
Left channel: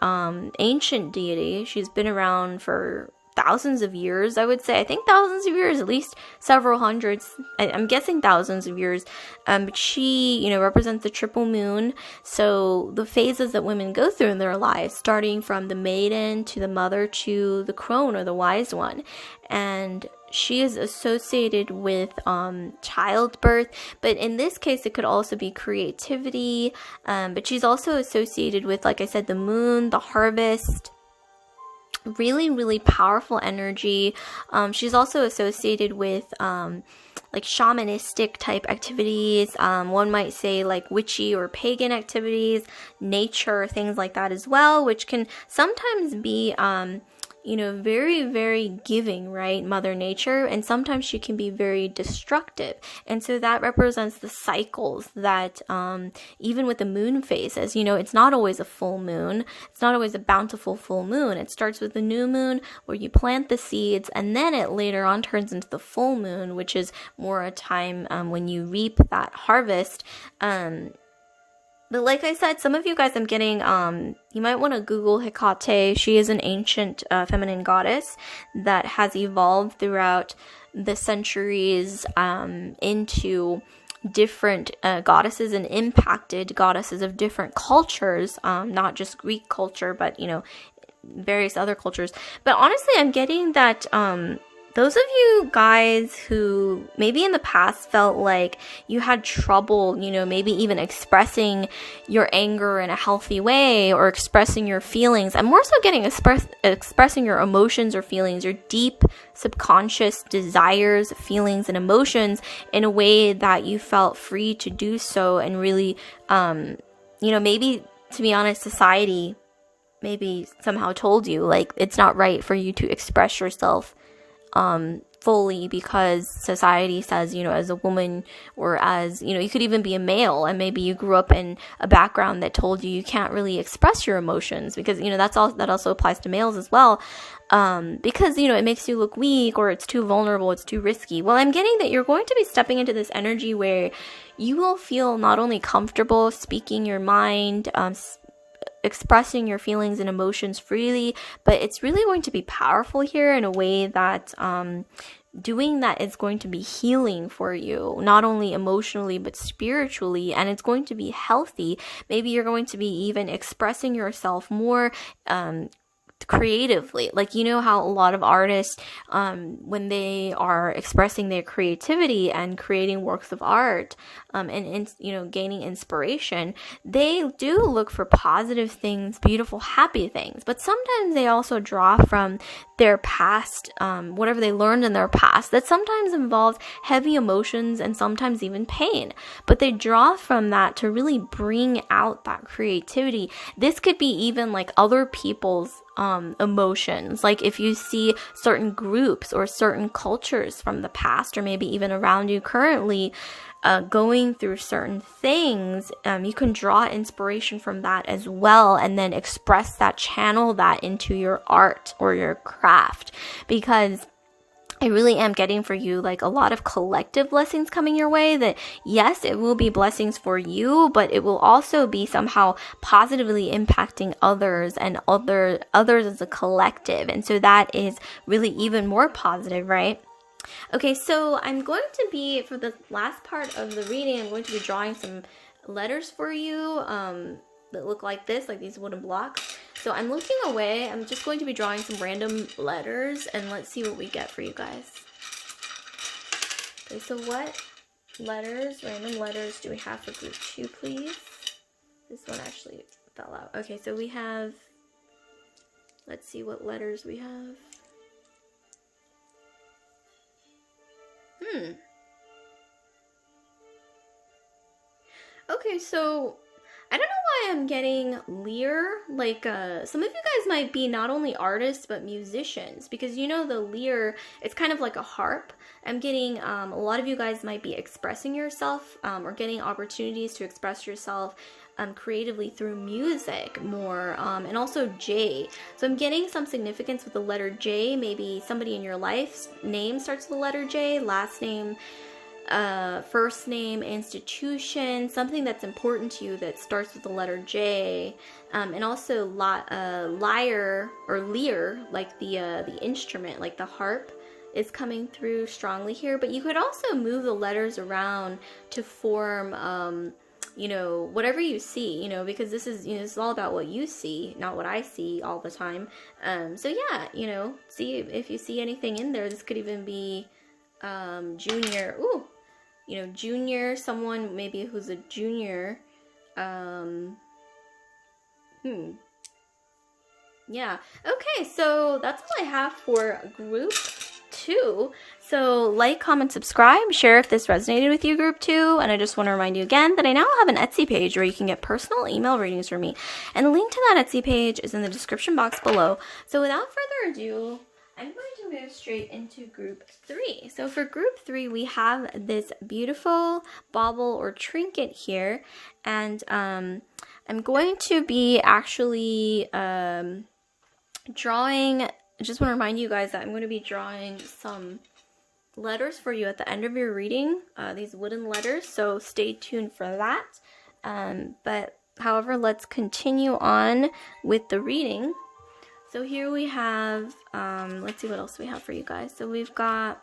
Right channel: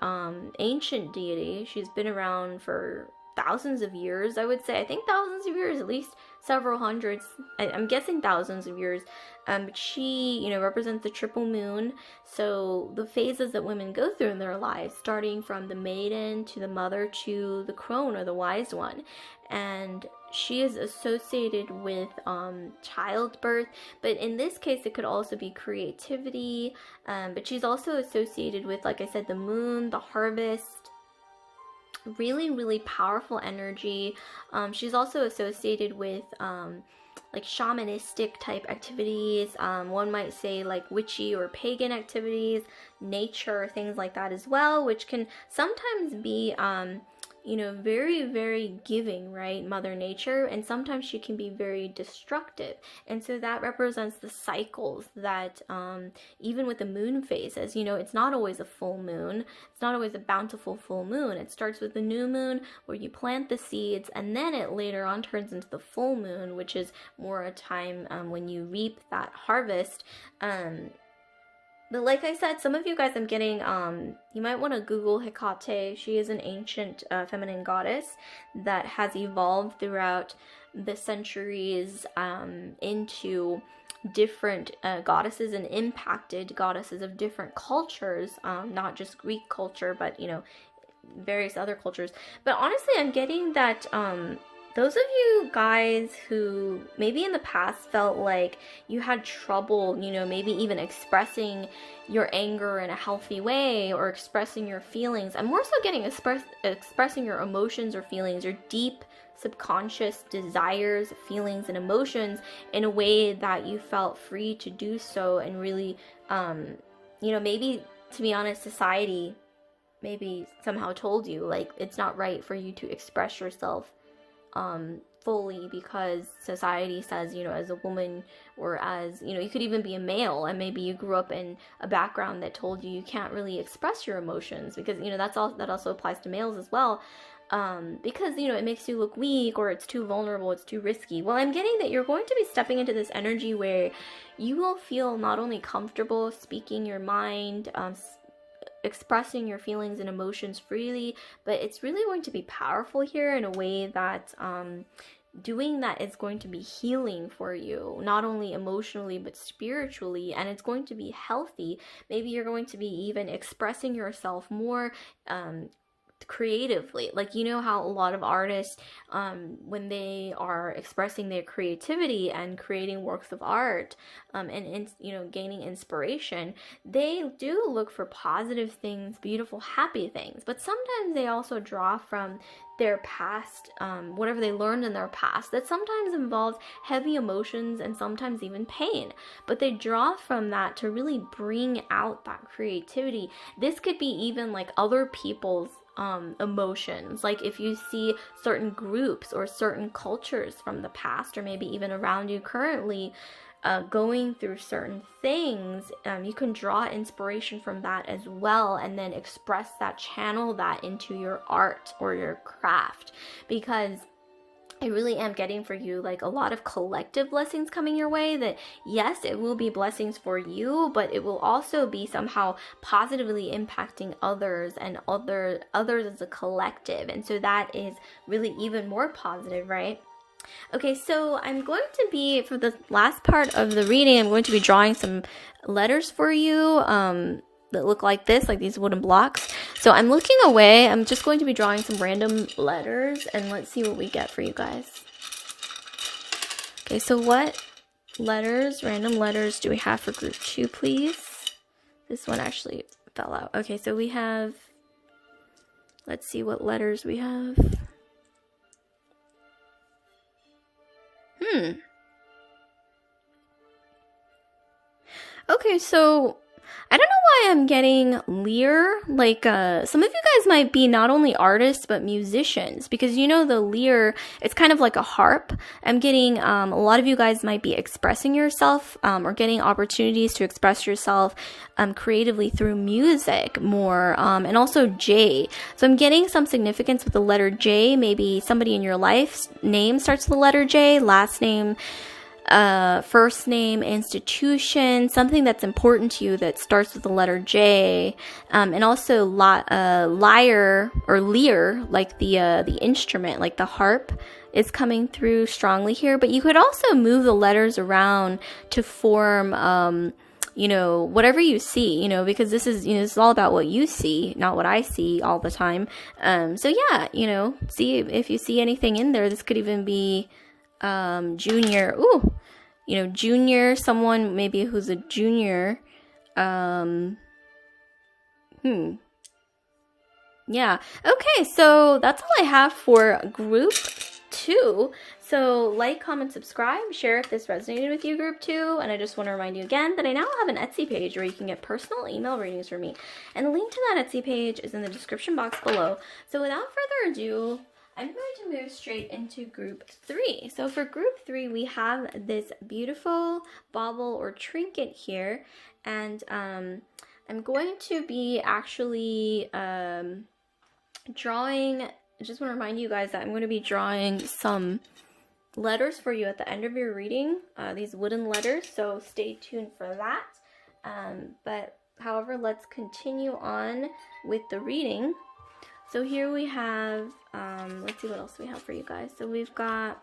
ancient deity. She's been around for thousands of years, I would say. I think thousands of years, at least several hundreds. I'm guessing thousands of years. But she, you know, represents the triple moon. So the phases that women go through in their lives, starting from the maiden to the mother to the crone or the wise one. And she is associated with childbirth, but in this case it could also be creativity, but she's also associated with, like I said, the moon, the harvest. Really, really powerful energy. She's also associated with like shamanistic type activities. One might say like witchy or pagan activities, nature, things like that as well, which can sometimes be you know, very, very giving, right? Mother Nature. And sometimes she can be very destructive. And so that represents the cycles that, even with the moon phases, you know, it's not always a full moon. It's not always a bountiful full moon. It starts with the new moon where you plant the seeds, and then it later on turns into the full moon, which is more a time when you reap that harvest. But like I said, some of you guys I'm getting, you might want to Google Hecate. She is an ancient feminine goddess that has evolved throughout the centuries into different goddesses and impacted goddesses of different cultures, not just Greek culture, but, you know, various other cultures. But honestly, I'm getting that those of you guys who maybe in the past felt like you had trouble, you know, maybe even expressing your anger in a healthy way or expressing your feelings. I'm more so getting expressing your emotions or feelings, your deep subconscious desires, feelings, and emotions in a way that you felt free to do so. And really, you know, maybe, to be honest, society maybe somehow told you like it's not right for you to express yourself fully, because society says, you know, as a woman, or as, you know, you could even be a male and maybe you grew up in a background that told you can't really express your emotions, because, you know, that also applies to males as well, because, you know, it makes you look weak, or it's too vulnerable, it's too risky. Well, I'm getting that you're going to be stepping into this energy where you will feel not only comfortable speaking your mind, expressing your feelings and emotions freely, but it's really going to be powerful here in a way that doing that is going to be healing for you, not only emotionally but spiritually, and it's going to be healthy. Maybe you're going to be even expressing yourself more creatively. Like, you know how a lot of artists, when they are expressing their creativity and creating works of art, and you know, gaining inspiration, they do look for positive things, beautiful, happy things. But sometimes they also draw from their past, whatever they learned in their past, that sometimes involves heavy emotions and sometimes even pain. But they draw from that to really bring out that creativity. This could be even like other people's emotions. Like if you see certain groups or certain cultures from the past, or maybe even around you currently, going through certain things, you can draw inspiration from that as well, and then express that, channel that into your art or your craft, because I really am getting for you like a lot of collective blessings coming your way. That yes, it will be blessings for you, but it will also be somehow positively impacting others, and others as a collective. And so that is really even more positive, right? Okay, so I'm going to be, for the last part of the reading, I'm going to be drawing some letters for you that look like this, like these wooden blocks. So I'm looking away. I'm just going to be drawing some random letters, and let's see what we get for you guys. Okay, so what letters, random letters, do we have for group 2, please? This one actually fell out. Okay, so we have, let's see what letters we have. Okay, so I don't know why I'm getting lyre. Like, some of you guys might be not only artists, but musicians. Because, you know, the lyre, it's kind of like a harp. I'm getting, a lot of you guys might be expressing yourself, or getting opportunities to express yourself creatively through music more. And also J. So I'm getting some significance with the letter J. Maybe somebody in your life's name starts with the letter J, last name first name, institution, something that's important to you that starts with the letter J, and also lyre or lyre, like the instrument, like the harp, is coming through strongly here. But you could also move the letters around to form whatever you see, because this is all about what you see, not what I see all the time. So yeah, see if you see anything in there. This could even be junior. Ooh, junior, someone maybe who's a junior. Yeah. Okay, so that's all I have for group 2. So like, comment, subscribe, share if this resonated with you, group 2. And I just want to remind you again that I now have an Etsy page where you can get personal email readings from me. And the link to that Etsy page is in the description box below. So without further ado, I'm going to move straight into group 3. So for group 3, we have this beautiful bauble or trinket here. And I'm going to be actually drawing, I just want to remind you guys that I'm going to be drawing some letters for you at the end of your reading, these wooden letters, so stay tuned for that. But however, let's continue on with the reading. So here we have, let's see what else we have for you guys. So we've got,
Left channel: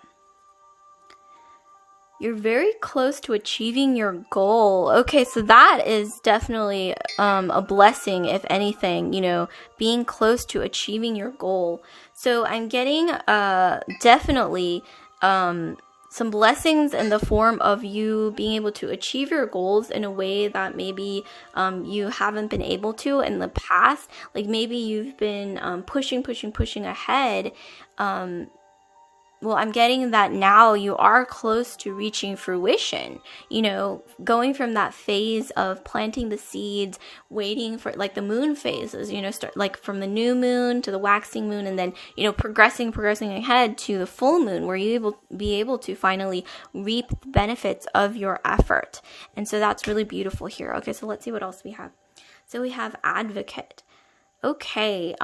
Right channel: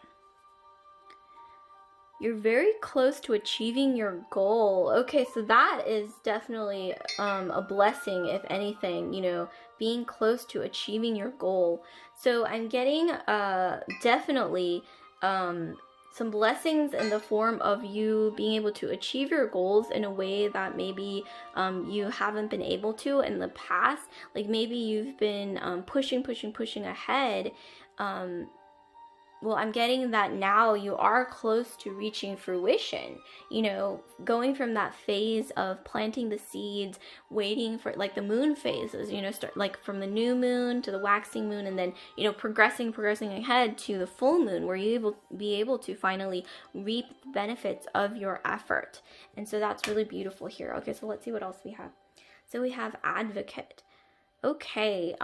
you're very close to achieving your goal. Okay, so that is definitely a blessing, if anything, being close to achieving your goal. So I'm getting definitely some blessings in the form of you being able to achieve your goals in a way that maybe you haven't been able to in the past. Like maybe you've been pushing ahead. Well, I'm getting that now you are close to reaching fruition, going from that phase of planting the seeds, waiting for like the moon phases, start like from the new moon to the waxing moon, and then, progressing ahead to the full moon, where you will be able to finally reap the benefits of your effort. And so that's really beautiful here. Okay, so let's see what else we have. So we have advocate. Okay,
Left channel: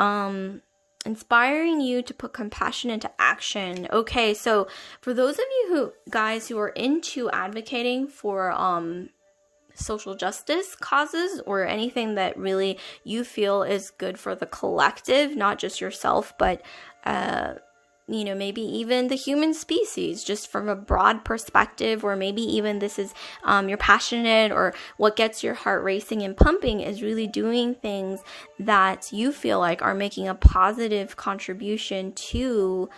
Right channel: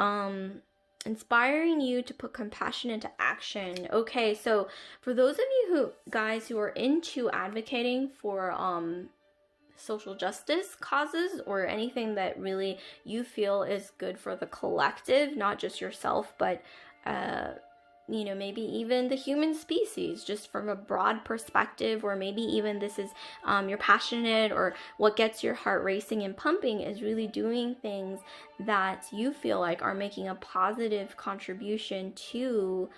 inspiring you to put compassion into action. Okay, so for those of you who are into advocating for social justice causes, or anything that really you feel is good for the collective, not just yourself, but maybe even the human species, just from a broad perspective, or maybe even this is you're passionate, or what gets your heart racing and pumping is really doing things that you feel like are making a positive contribution to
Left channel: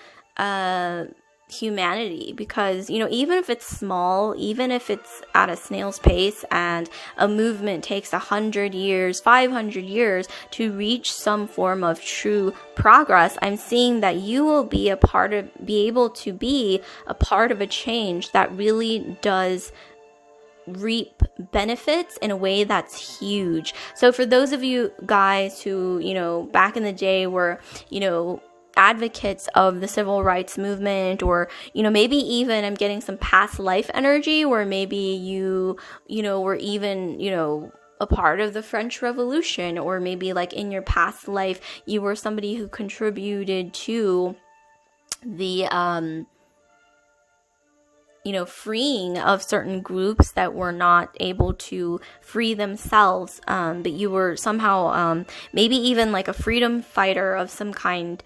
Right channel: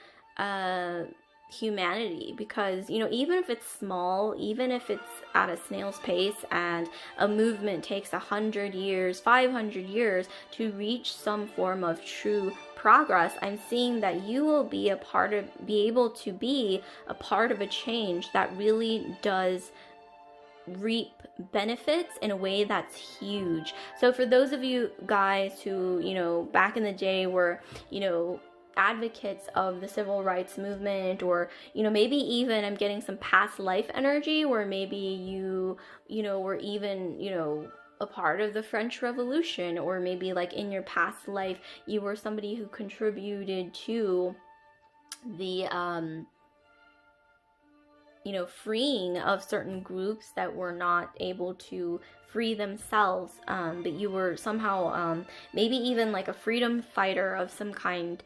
humanity. Because even if it's small, even if it's at a snail's pace, and a movement takes 100 years, 500 years to reach some form of true progress, I'm seeing that you will be able to be a part of a change that really does reap benefits in a way that's huge. So for those of you guys who back in the day were advocates of the civil rights movement, or maybe even I'm getting some past life energy, where maybe you were even a part of the French Revolution, or maybe like in your past life you were somebody who contributed to the freeing of certain groups that were not able to free themselves, but you were somehow maybe even like a freedom fighter of some kind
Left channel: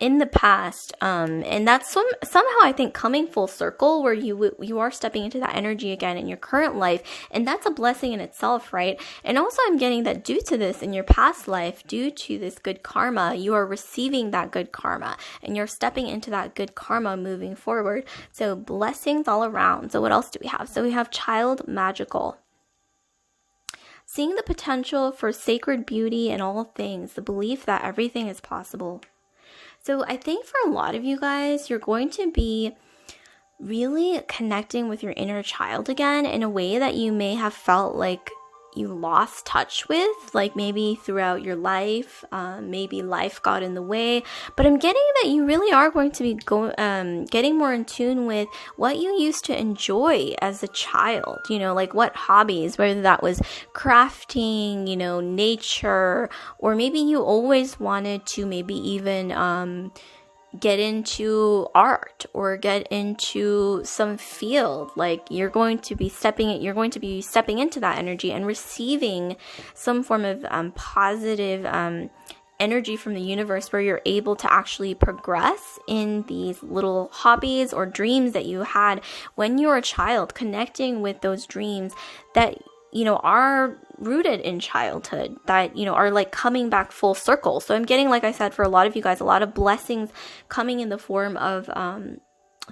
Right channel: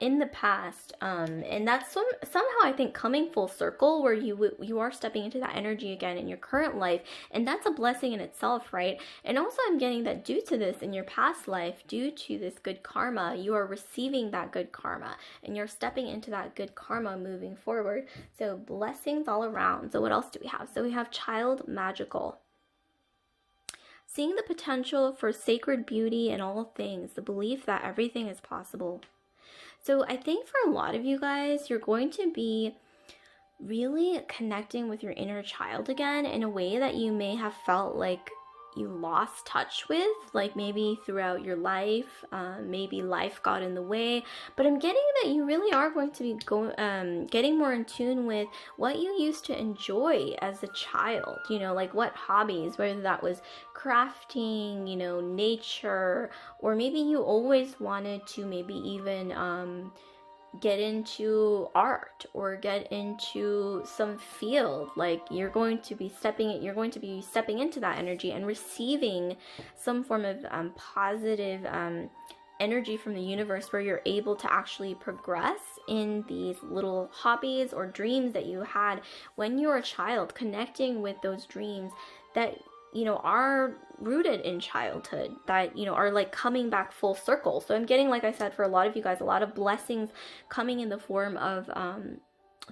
in the past, and that's somehow I think coming full circle, where you are stepping into that energy again in your current life, and that's a blessing in itself, right? And also I'm getting that due to this in your past life, due to this good karma, you are receiving that good karma, and you're stepping into that good karma moving forward. So blessings all around. So what else do we have? So we have child magical. Seeing the potential for sacred beauty in all things, the belief that everything is possible. So I think for a lot of you guys, you're going to be really connecting with your inner child again in a way that you may have felt like you lost touch with, like maybe throughout your life, maybe life got in the way. But I'm getting that you really are going to be getting more in tune with what you used to enjoy as a child, like what hobbies, whether that was crafting, nature, or maybe you always wanted to maybe even get into art or get into some field. Like you're going to be stepping into that energy and receiving some form of positive energy from the universe, where you're able to actually progress in these little hobbies or dreams that you had when you were a child, connecting with those dreams that are rooted in childhood, that are like coming back full circle. So I'm getting, like I said, for a lot of you guys, a lot of blessings coming in the form of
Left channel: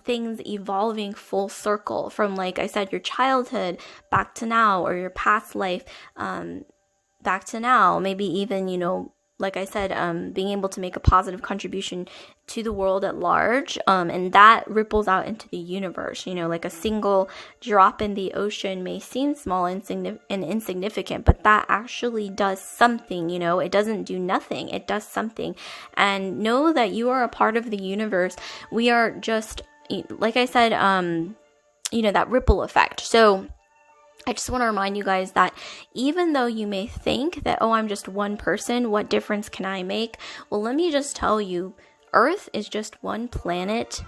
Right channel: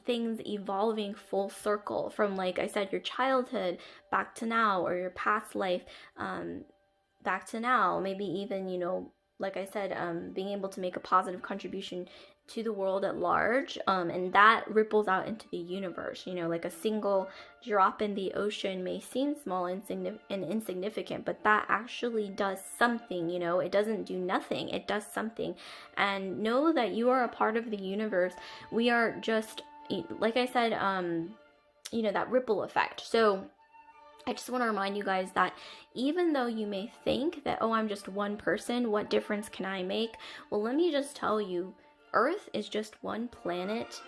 things evolving full circle from, like I said, your childhood back to now, or your past life back to now. Maybe even like I said, being able to make a positive contribution to the world at large, and that ripples out into the universe. Like a single drop in the ocean may seem small and insignificant, but that actually does something. It doesn't do nothing, it does something. And know that you are a part of the universe. We are just, like I said, that ripple effect. So I just want to remind you guys that even though you may think that, oh, I'm just one person, what difference can I make? Well, let me just tell you, Earth is just one planet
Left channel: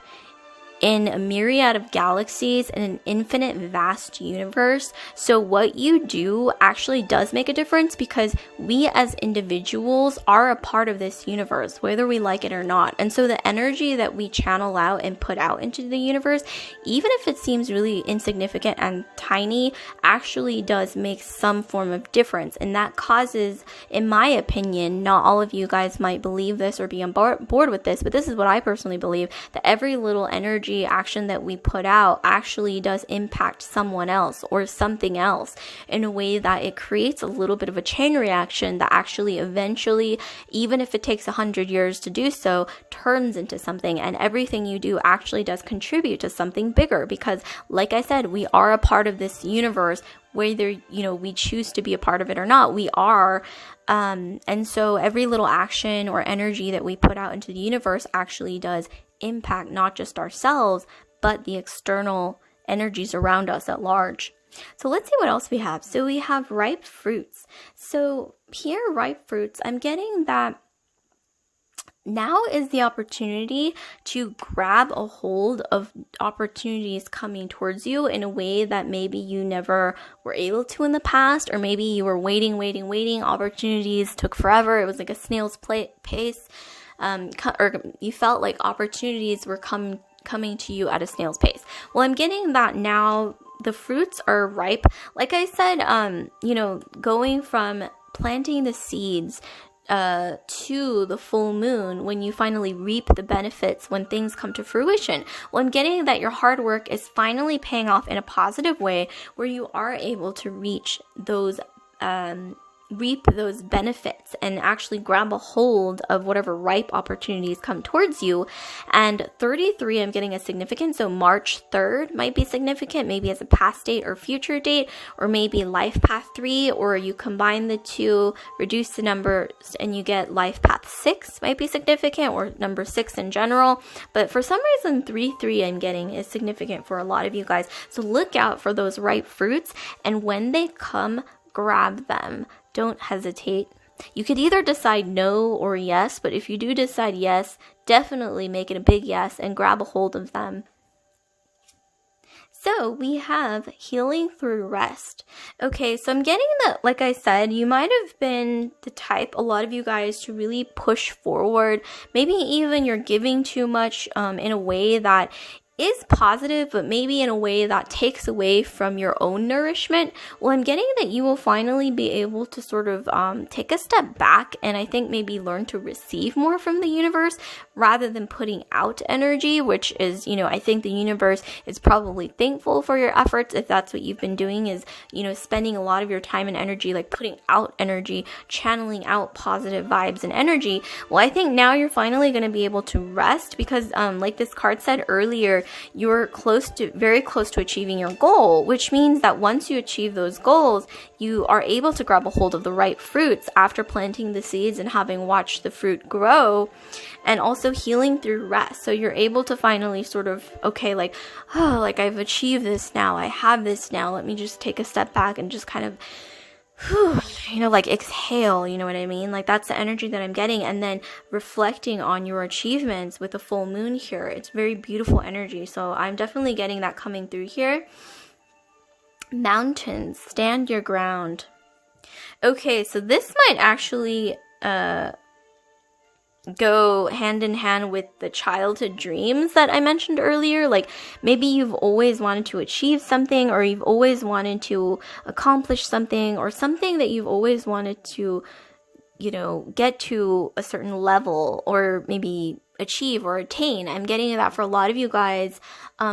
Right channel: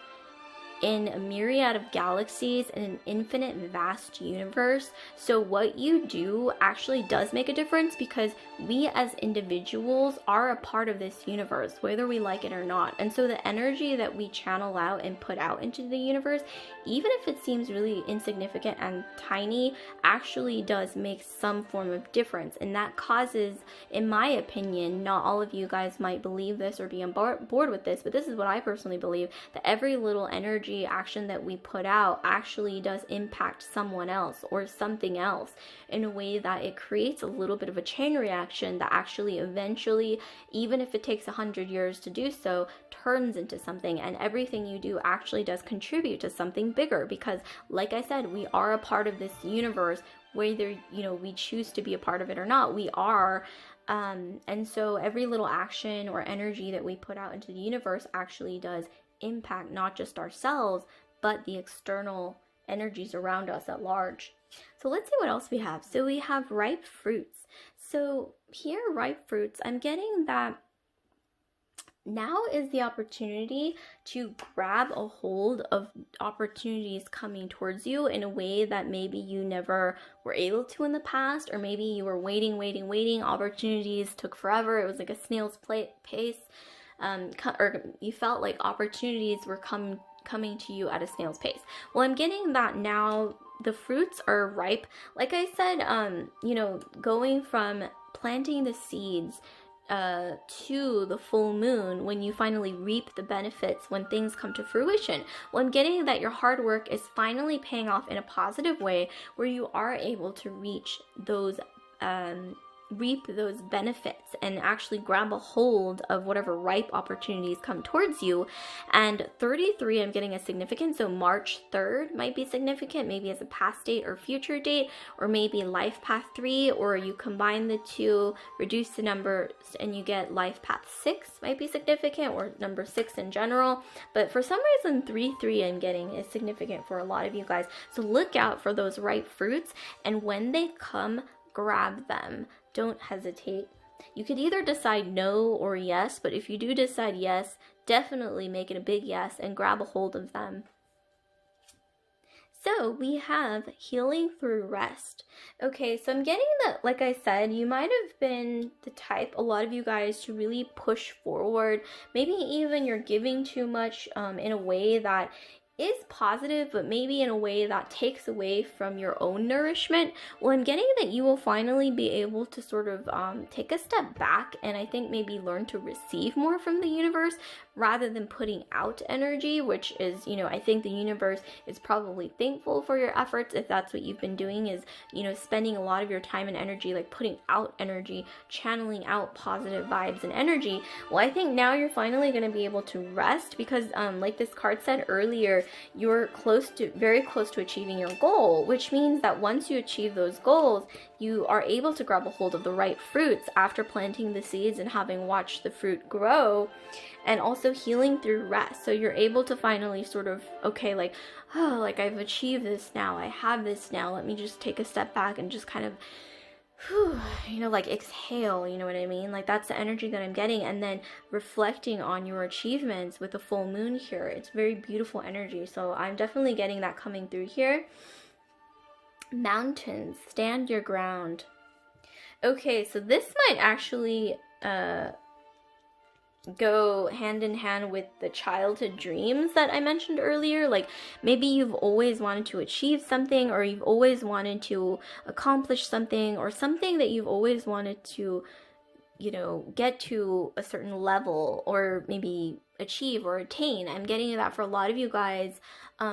in a myriad of galaxies in an infinite vast universe. So what you do actually does make a difference, because we as individuals are a part of this universe, whether we like it or not. And so the energy that we channel out and put out into the universe, even if it seems really insignificant and tiny, actually does make some form of difference. And that causes, in my opinion, not all of you guys might believe this or be on board with this, but this is what I personally believe, that every little energy action that we put out actually does impact someone else or something else in a way that it creates a little bit of a chain reaction that actually eventually, even if it takes 100 years to do so, turns into something. And everything you do actually does contribute to something bigger, because like I said, we are a part of this universe, whether we choose to be a part of it or not. We are. And so every little action or energy that we put out into the universe actually does impact not just ourselves, but the external energies around us at large. So let's see what else we have. So we have ripe fruits. So here, ripe fruits, I'm getting that now is the opportunity to grab a hold of opportunities coming towards you in a way that maybe you never were able to in the past, or maybe you were waiting. Opportunities took forever. It was like a snail's pace. Or you felt like opportunities were coming to you at a snail's pace. Well, I'm getting that now the fruits are ripe. Like I said, going from planting the seeds to the full moon, when you finally reap the benefits, when things come to fruition. Well, I'm getting that your hard work is finally paying off in a positive way, where you are able to reach those reap those benefits and actually grab a hold of whatever ripe opportunities come towards you. And 33, I'm getting a significant, so March 3rd might be significant, maybe as a past date or future date, or maybe life path 3, or you combine the two, reduce the numbers, and you get life path 6 might be significant, or number 6 in general. But for some reason 33 I'm getting is significant for a lot of you guys. So look out for those ripe fruits, and when they come, grab them. Don't hesitate. You could either decide no or yes, but if you do decide yes, definitely make it a big yes and grab a hold of them. So we have healing through rest. Okay, so I'm getting that, like I said, you might have been the type, a lot of you guys, to really push forward. Maybe even you're giving too much in a way that is positive, but maybe in a way that takes away from your own nourishment. Well, I'm getting that you will finally be able to sort of take a step back, and I think maybe learn to receive more from the universe rather than putting out energy, which is, I think the universe is probably thankful for your efforts if that's what you've been doing, is, spending a lot of your time and energy like putting out energy, channeling out positive vibes and energy. Well, I think now you're finally going to be able to rest, because like this card said earlier, you're very close to achieving your goal, which means that once you achieve those goals, you are able to grab a hold of the right fruits after planting the seeds and having watched the fruit grow, and also healing through rest. So you're able to finally sort of, okay, like I've achieved this now, I have this now, let me just take a step back and just kind of you know, like exhale, you know what I mean? Like that's the energy that I'm getting. And then reflecting on your achievements with the full moon here. It's very beautiful energy. So I'm definitely getting that coming through here. Mountains, stand your ground. Okay, so this might actually go hand in hand with the childhood dreams that I mentioned earlier. Like maybe you've always wanted to achieve something, or you've always wanted to accomplish something, or something that you've always wanted to, you know, get to a certain level, or maybe achieve or attain. I'm getting that for a lot of you guys.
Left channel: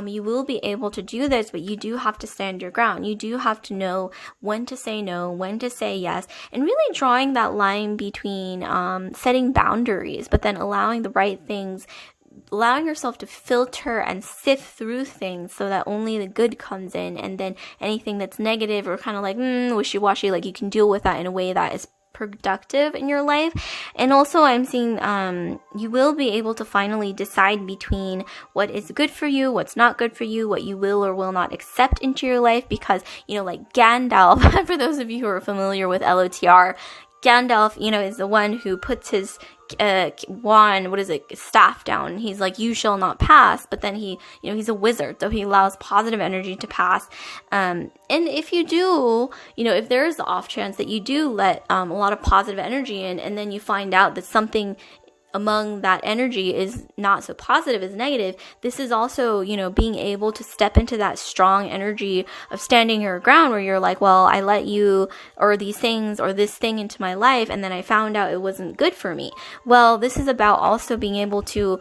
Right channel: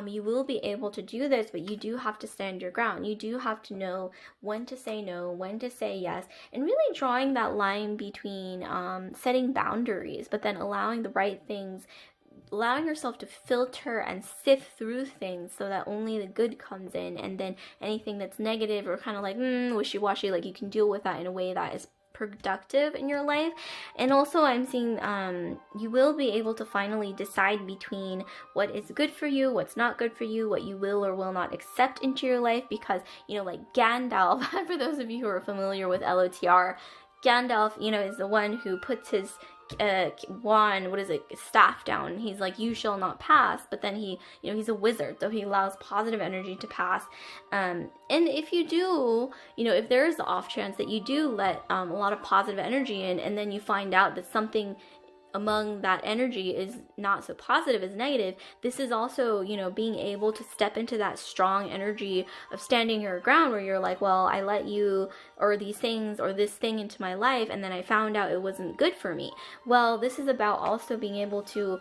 You will be able to do this, but you do have to stand your ground. You do have to know when to say no, when to say yes, and really drawing that line between setting boundaries, but then allowing the right things, allowing yourself to filter and sift through things so that only the good comes in, and then anything that's negative or kind of like wishy-washy, like you can deal with that in a way that is productive in your life. And also I'm seeing you will be able to finally decide between what is good for you, what's not good for you, what you will or will not accept into your life, because, you know, like Gandalf, for those of you who are familiar with LOTR, Gandalf, you know, is the one who puts his wand, staff down. He's like, you shall not pass. But then he, you know, he's a wizard, so he allows positive energy to pass. And if you do, you know, if there is the off chance that you do let a lot of positive energy in, and then you find out that something among that energy is not so positive, is negative, this is also, you know, being able to step into that strong energy of standing your ground, where you're like, well, I let you or these things or this thing into my life, and then I found out it wasn't good for me. Well, this is about also being able to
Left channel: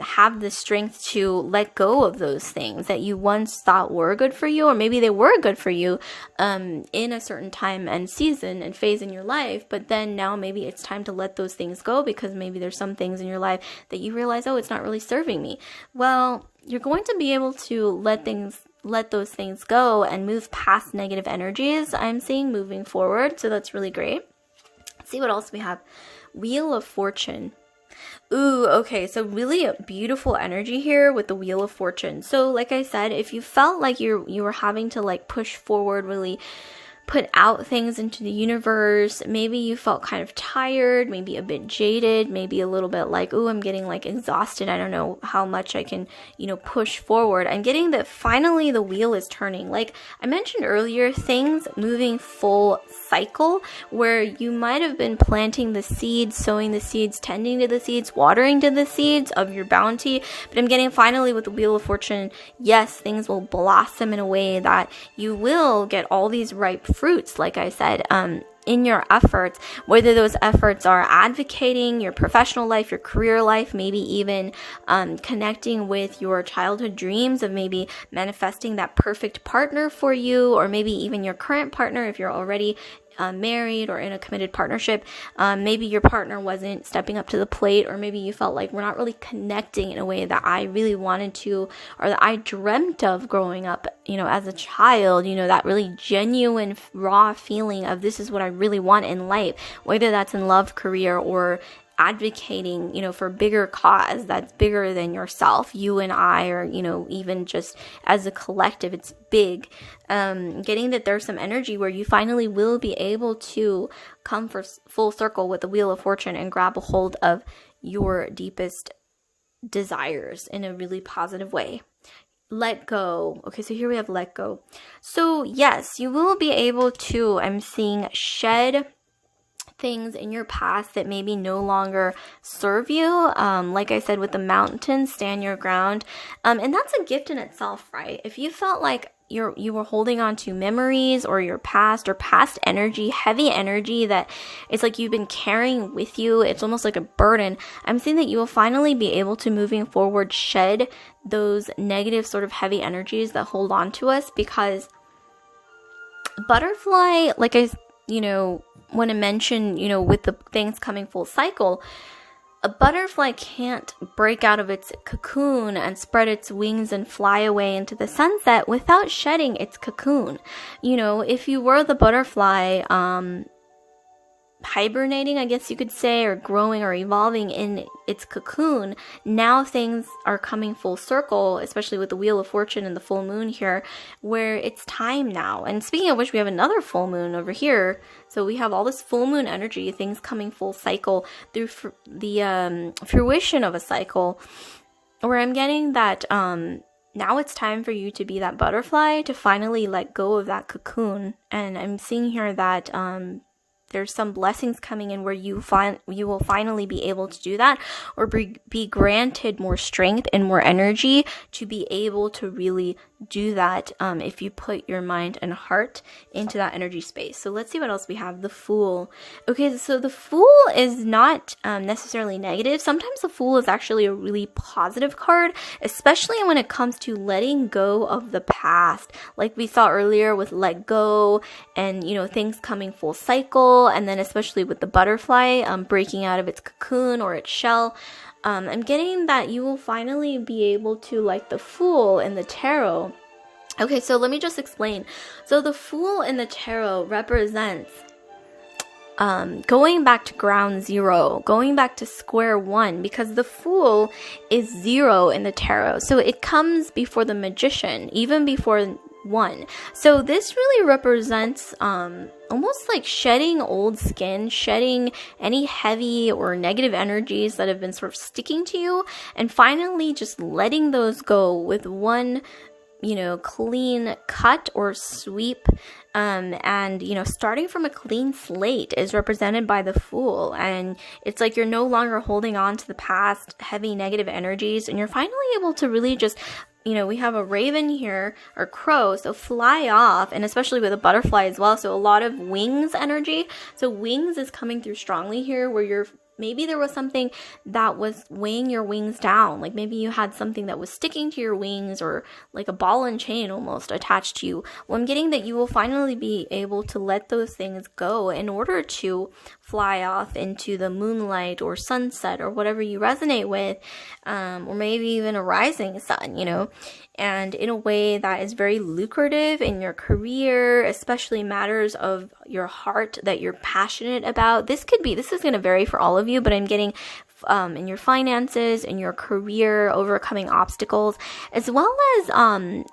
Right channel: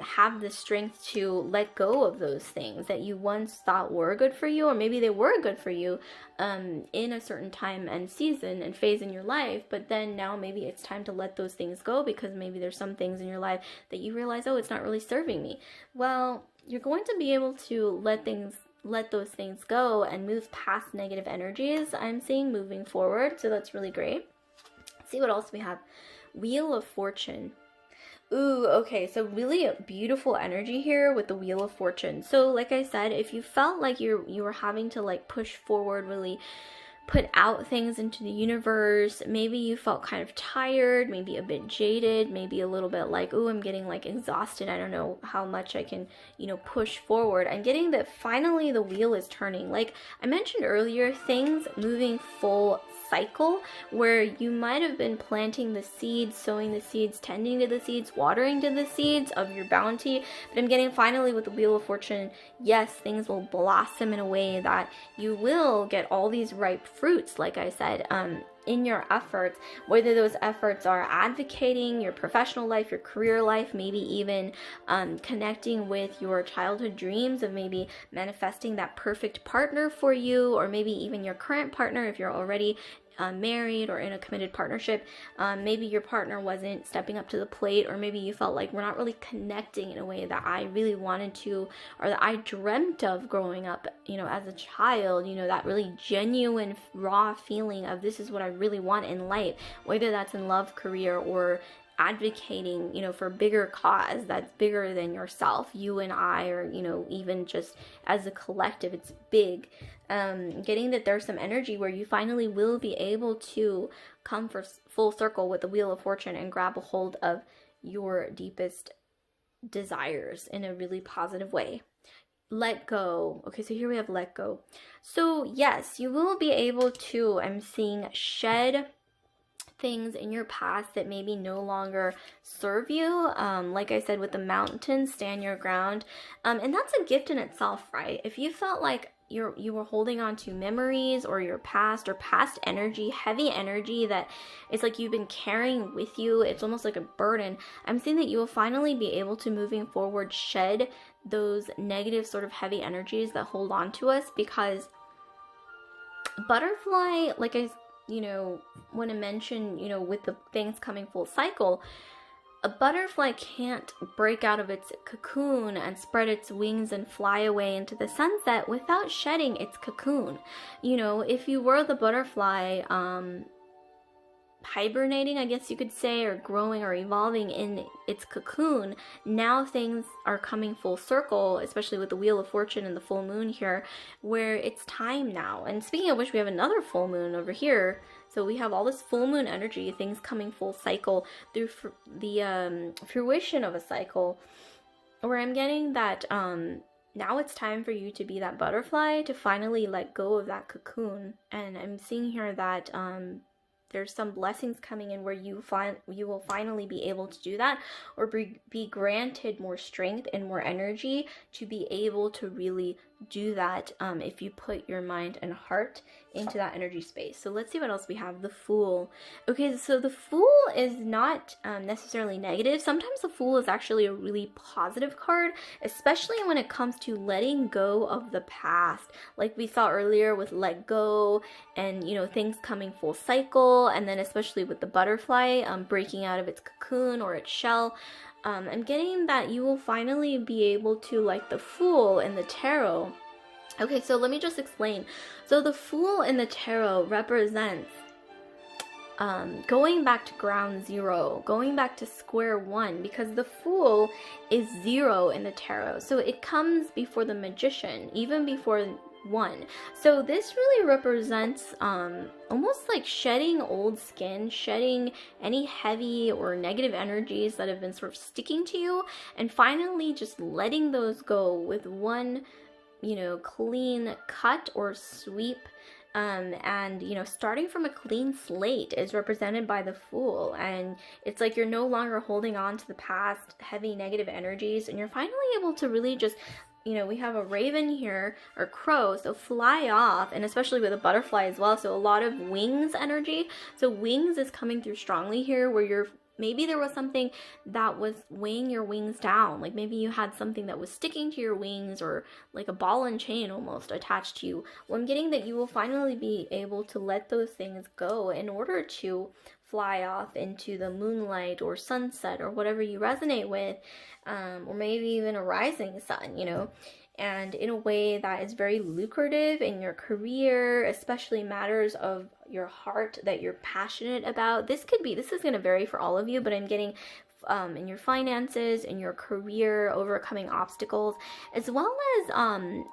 have the strength to let go of those things that you once thought were good for you, or maybe they were good for you in a certain time and season and phase in your life, but then now maybe it's time to let those things go, because maybe there's some things in your life that you realize, oh, it's not really serving me. Well, you're going to be able to let those things go and move past negative energies, I'm seeing, moving forward. So that's really great. Let's see what else we have. Wheel of Fortune. Ooh, okay, so really a beautiful energy here with the Wheel of Fortune. So like I said, if you felt like you were having to like push forward, really put out things into the universe, maybe you felt kind of tired, maybe a bit jaded, maybe a little bit like, oh, I'm getting like exhausted, I don't know how much I can, you know, push forward. I'm getting that finally the wheel is turning. Like I mentioned earlier, things moving full cycle, where you might have been planting the seeds, sowing the seeds, tending to the seeds, watering to the seeds of your bounty, but I'm getting finally with the Wheel of Fortune, yes, things will blossom in a way that you will get all these ripe fruits, like I said, in your efforts, whether those efforts are advocating your professional life, your career life, maybe even connecting with your childhood dreams of maybe manifesting that perfect partner for you, or maybe even your current partner if you're already married or in a committed partnership. Maybe your partner wasn't stepping up to the plate, or maybe you felt like we're not really connecting in a way that I really wanted to, or that I dreamt of growing up, you know, as a child, you know, that really genuine raw feeling of this is what I really want in life, whether that's in love, career, or advocating, you know, for a bigger cause that's bigger than yourself, you and I, or, you know, even just as a collective, it's big. Getting that there's some energy where you finally will be able to come for full circle with the Wheel of Fortune and grab a hold of your deepest desires in a really positive way. Let go. Okay, so here we have let go. So yes, you will be able to, I'm seeing, shed things in your past that maybe no longer serve you. Like I said, with the mountain, stand your ground. And that's a gift in itself, right? If you felt like you were holding on to memories or your past or past energy, heavy energy that it's like you've been carrying with you, it's almost like a burden. I'm saying that you will finally be able to, moving forward, shed those negative sort of heavy energies that hold on to us, because butterfly, like I want to mention, with the things coming full cycle, a butterfly can't break out of its cocoon and spread its wings and fly away into the sunset without shedding its cocoon. If you were the butterfly, hibernating, I guess you could say, or growing or evolving in its cocoon, now things are coming full circle, especially with the Wheel of Fortune and the full moon here, where it's time now. And speaking of which, we have another full moon over here. So we have all this full moon energy, things coming full cycle through the fruition of a cycle, where I'm getting that now it's time for you to be that butterfly, to finally let go of that cocoon. And I'm seeing here that there's some blessings coming in where you will finally be able to do that, or be granted more strength and more energy to be able to really do that if you put your mind and heart into that energy space. So let's see what else we have. The Fool. Okay, so the Fool is not necessarily negative. Sometimes the Fool is actually a really positive card, especially when it comes to letting go of the past, like we saw earlier with let go, and things coming full cycle, and then especially with the butterfly breaking out of its cocoon or its shell. I'm getting that you will finally be able to, like the Fool in the tarot. Okay, so let me just explain. So the Fool in the tarot represents going back to ground zero, going back to square one, because the Fool is 0 in the tarot. So it comes before the Magician, even before 1. So this really represents almost like shedding old skin, shedding any heavy or negative energies that have been sort of sticking to you, and finally just letting those go with one clean cut or sweep. And starting from a clean slate is represented by the Fool, and it's like you're no longer holding on to the past heavy negative energies, and you're finally able to really just we have a raven here, or crow, so fly off, and especially with a butterfly as well, so a lot of wings energy. So wings is coming through strongly here, where maybe there was something that was weighing your wings down, like maybe you had something that was sticking to your wings, or like a ball and chain almost attached to you. Well, I'm getting that you will finally be able to let those things go in order to fly off into the moonlight or sunset or whatever you resonate with, or maybe even a rising sun, and in a way that is very lucrative in your career, especially matters of your heart that you're passionate about. This is going to vary for all of you, but I'm getting in your finances, in your career, overcoming obstacles, as well as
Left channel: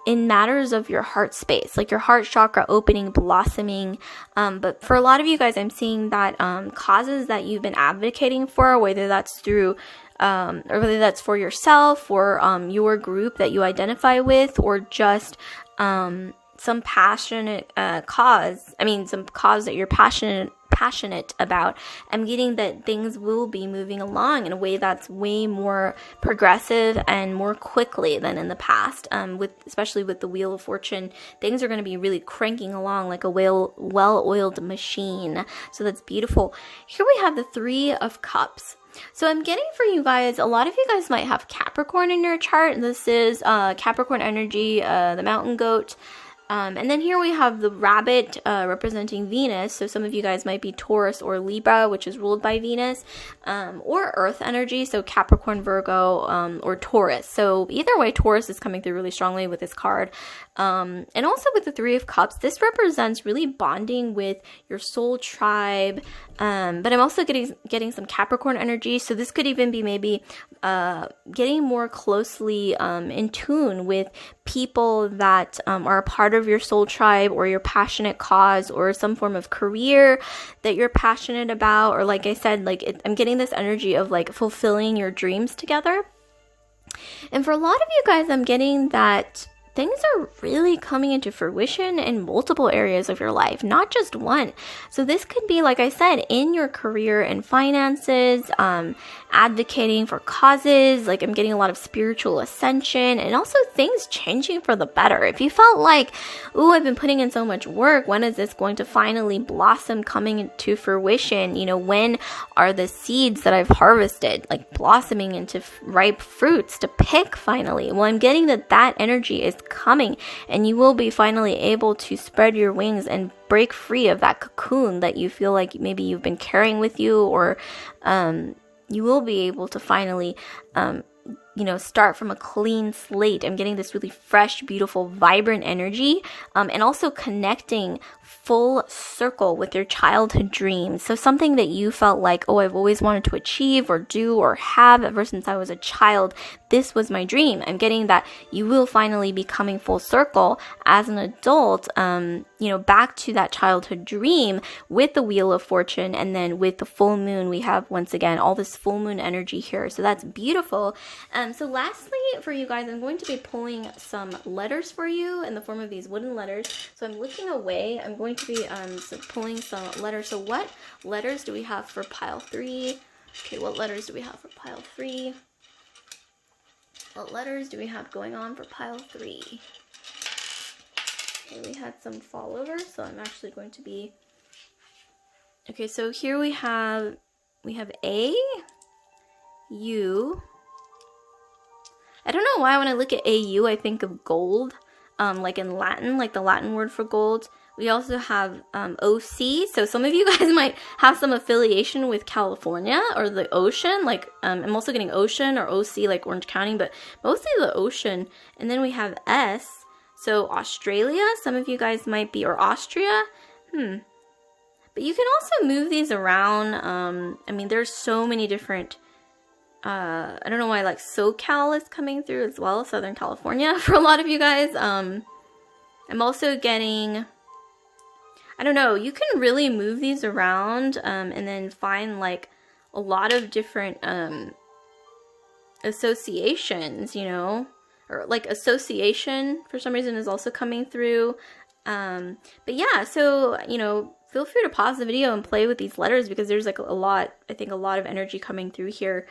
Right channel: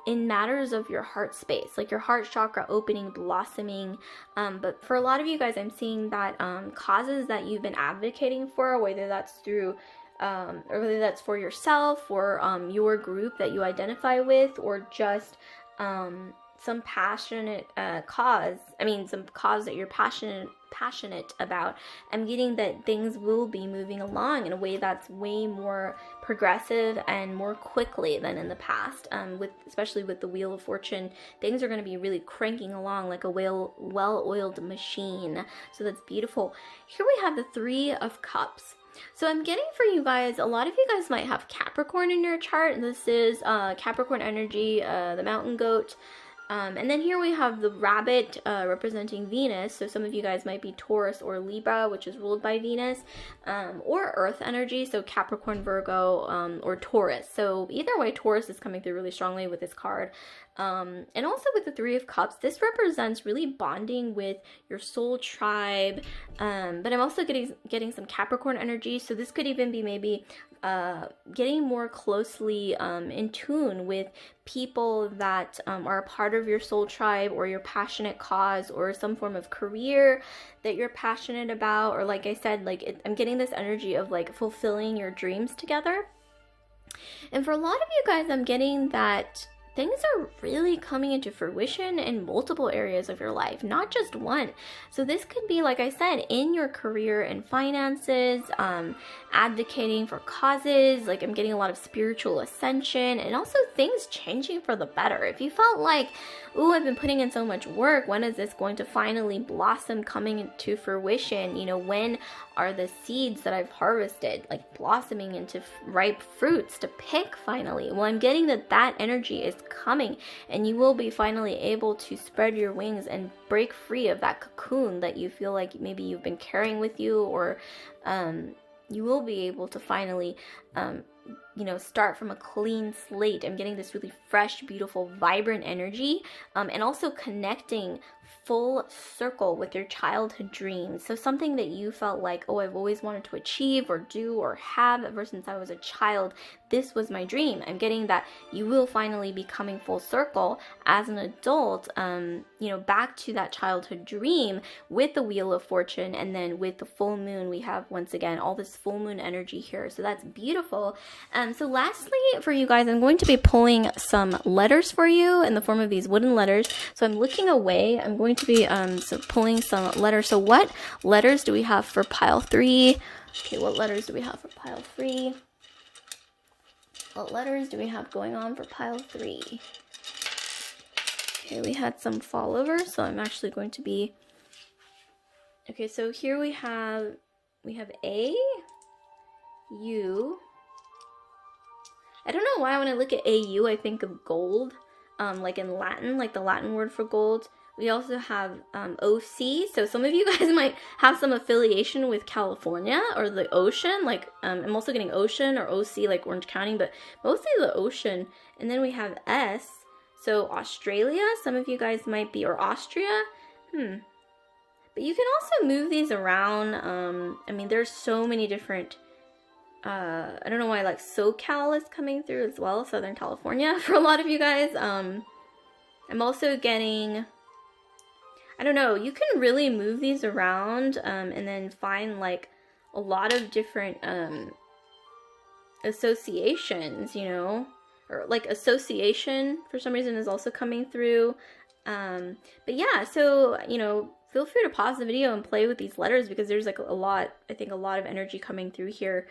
in matters of your heart space, like your heart chakra opening, blossoming. But for a lot of you guys, I'm seeing that causes that you've been advocating for, whether that's through or whether that's for yourself or your group that you identify with, or just some passionate some cause that you're passionate about. I'm getting that things will be moving along in a way that's way more progressive and more quickly than in the past. Especially with the Wheel of Fortune, things are going to be really cranking along like a well-oiled machine. So that's beautiful. Here we have the 3 of Cups. So I'm getting for you guys, a lot of you guys might have Capricorn in your chart. This is Capricorn energy, the mountain goat. And then here we have the rabbit representing Venus. So some of you guys might be Taurus or Libra, which is ruled by Venus, or Earth energy. So Capricorn, Virgo, or Taurus. So either way, Taurus is coming through really strongly with this card. And also with the 3 of Cups, this represents really bonding with your soul tribe. But I'm also getting some Capricorn energy. So this could even be maybe getting more closely in tune with people that are a part of your soul tribe, or your passionate cause, or some form of career that you're passionate about. Or like I said, I'm getting this energy of like fulfilling your dreams together. And for a lot of you guys, I'm getting that things are really coming into fruition in multiple areas of your life, not just one. So this could be, like I said, in your career and finances, advocating for causes. Like I'm getting a lot of spiritual ascension, and also things changing for the better. If you felt like, ooh, I've been putting in so much work, when is this going to finally blossom, coming into fruition? When are the seeds that I've harvested like blossoming into ripe fruits to pick finally? Well, I'm getting that energy is coming, and you will be finally able to spread your wings and break free of that cocoon that you feel like maybe you've been carrying with you, or you will be able to finally start from a clean slate. I'm getting this really fresh, beautiful, vibrant energy, and also connecting full circle with your childhood dreams. So something that you felt like, oh, I've always wanted to achieve or do or have ever since I was a child. This was my dream. I'm getting that you will finally be coming full circle as an adult, back to that childhood dream with the Wheel of Fortune. And then with the full moon, we have once again all this full moon energy here. So that's beautiful. So lastly, for you guys, I'm going to be pulling some letters for you in the form of these wooden letters. So I'm looking away. I'm going to be pulling some letters. So what letters do we have for pile 3? Okay, what letters do we have for pile 3? What letters do we have going on for pile 3? Okay, we had some fall over, so I'm actually going to be... Okay, so here we have A, U. I don't know why when I look at AU, I think of gold, like in Latin, like the Latin word for gold. We also have OC, so some of you guys might have some affiliation with California or the ocean, like I'm also getting ocean or OC, like Orange County, but mostly the ocean. And then we have S, so Australia, some of you guys might be, or Austria, But you can also move these around. I mean, there's so many different... I don't know why, like, SoCal is coming through as well, Southern California, for a lot of you guys. I'm also getting... I don't know, you can really move these around, and then find, like, a lot of different, associations, or, like, association, for some reason, is also coming through. But yeah, so, feel free to pause the video and play with these letters because there's, like, a lot of energy coming through here.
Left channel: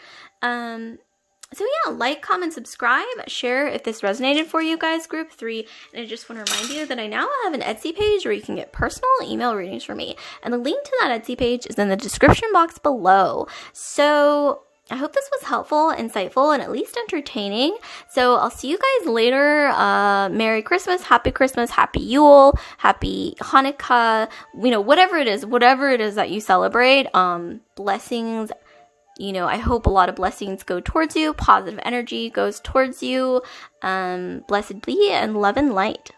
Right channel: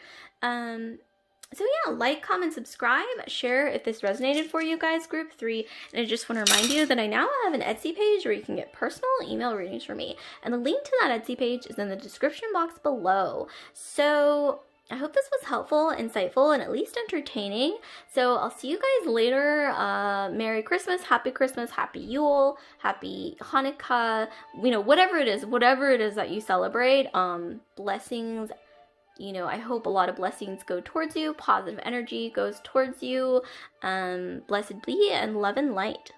So yeah, like, comment, subscribe, share if this resonated for you guys, group 3. And I just want to remind you that I now have an Etsy page where you can get personal email readings from me. And the link to that Etsy page is in the description box below. So I hope this was helpful, insightful, and at least entertaining. So I'll see you guys later. Merry Christmas, Happy Yule, Happy Hanukkah, whatever it is that you celebrate. Blessings. I hope a lot of blessings go towards you. Positive energy goes towards you. Blessed be, and love and light.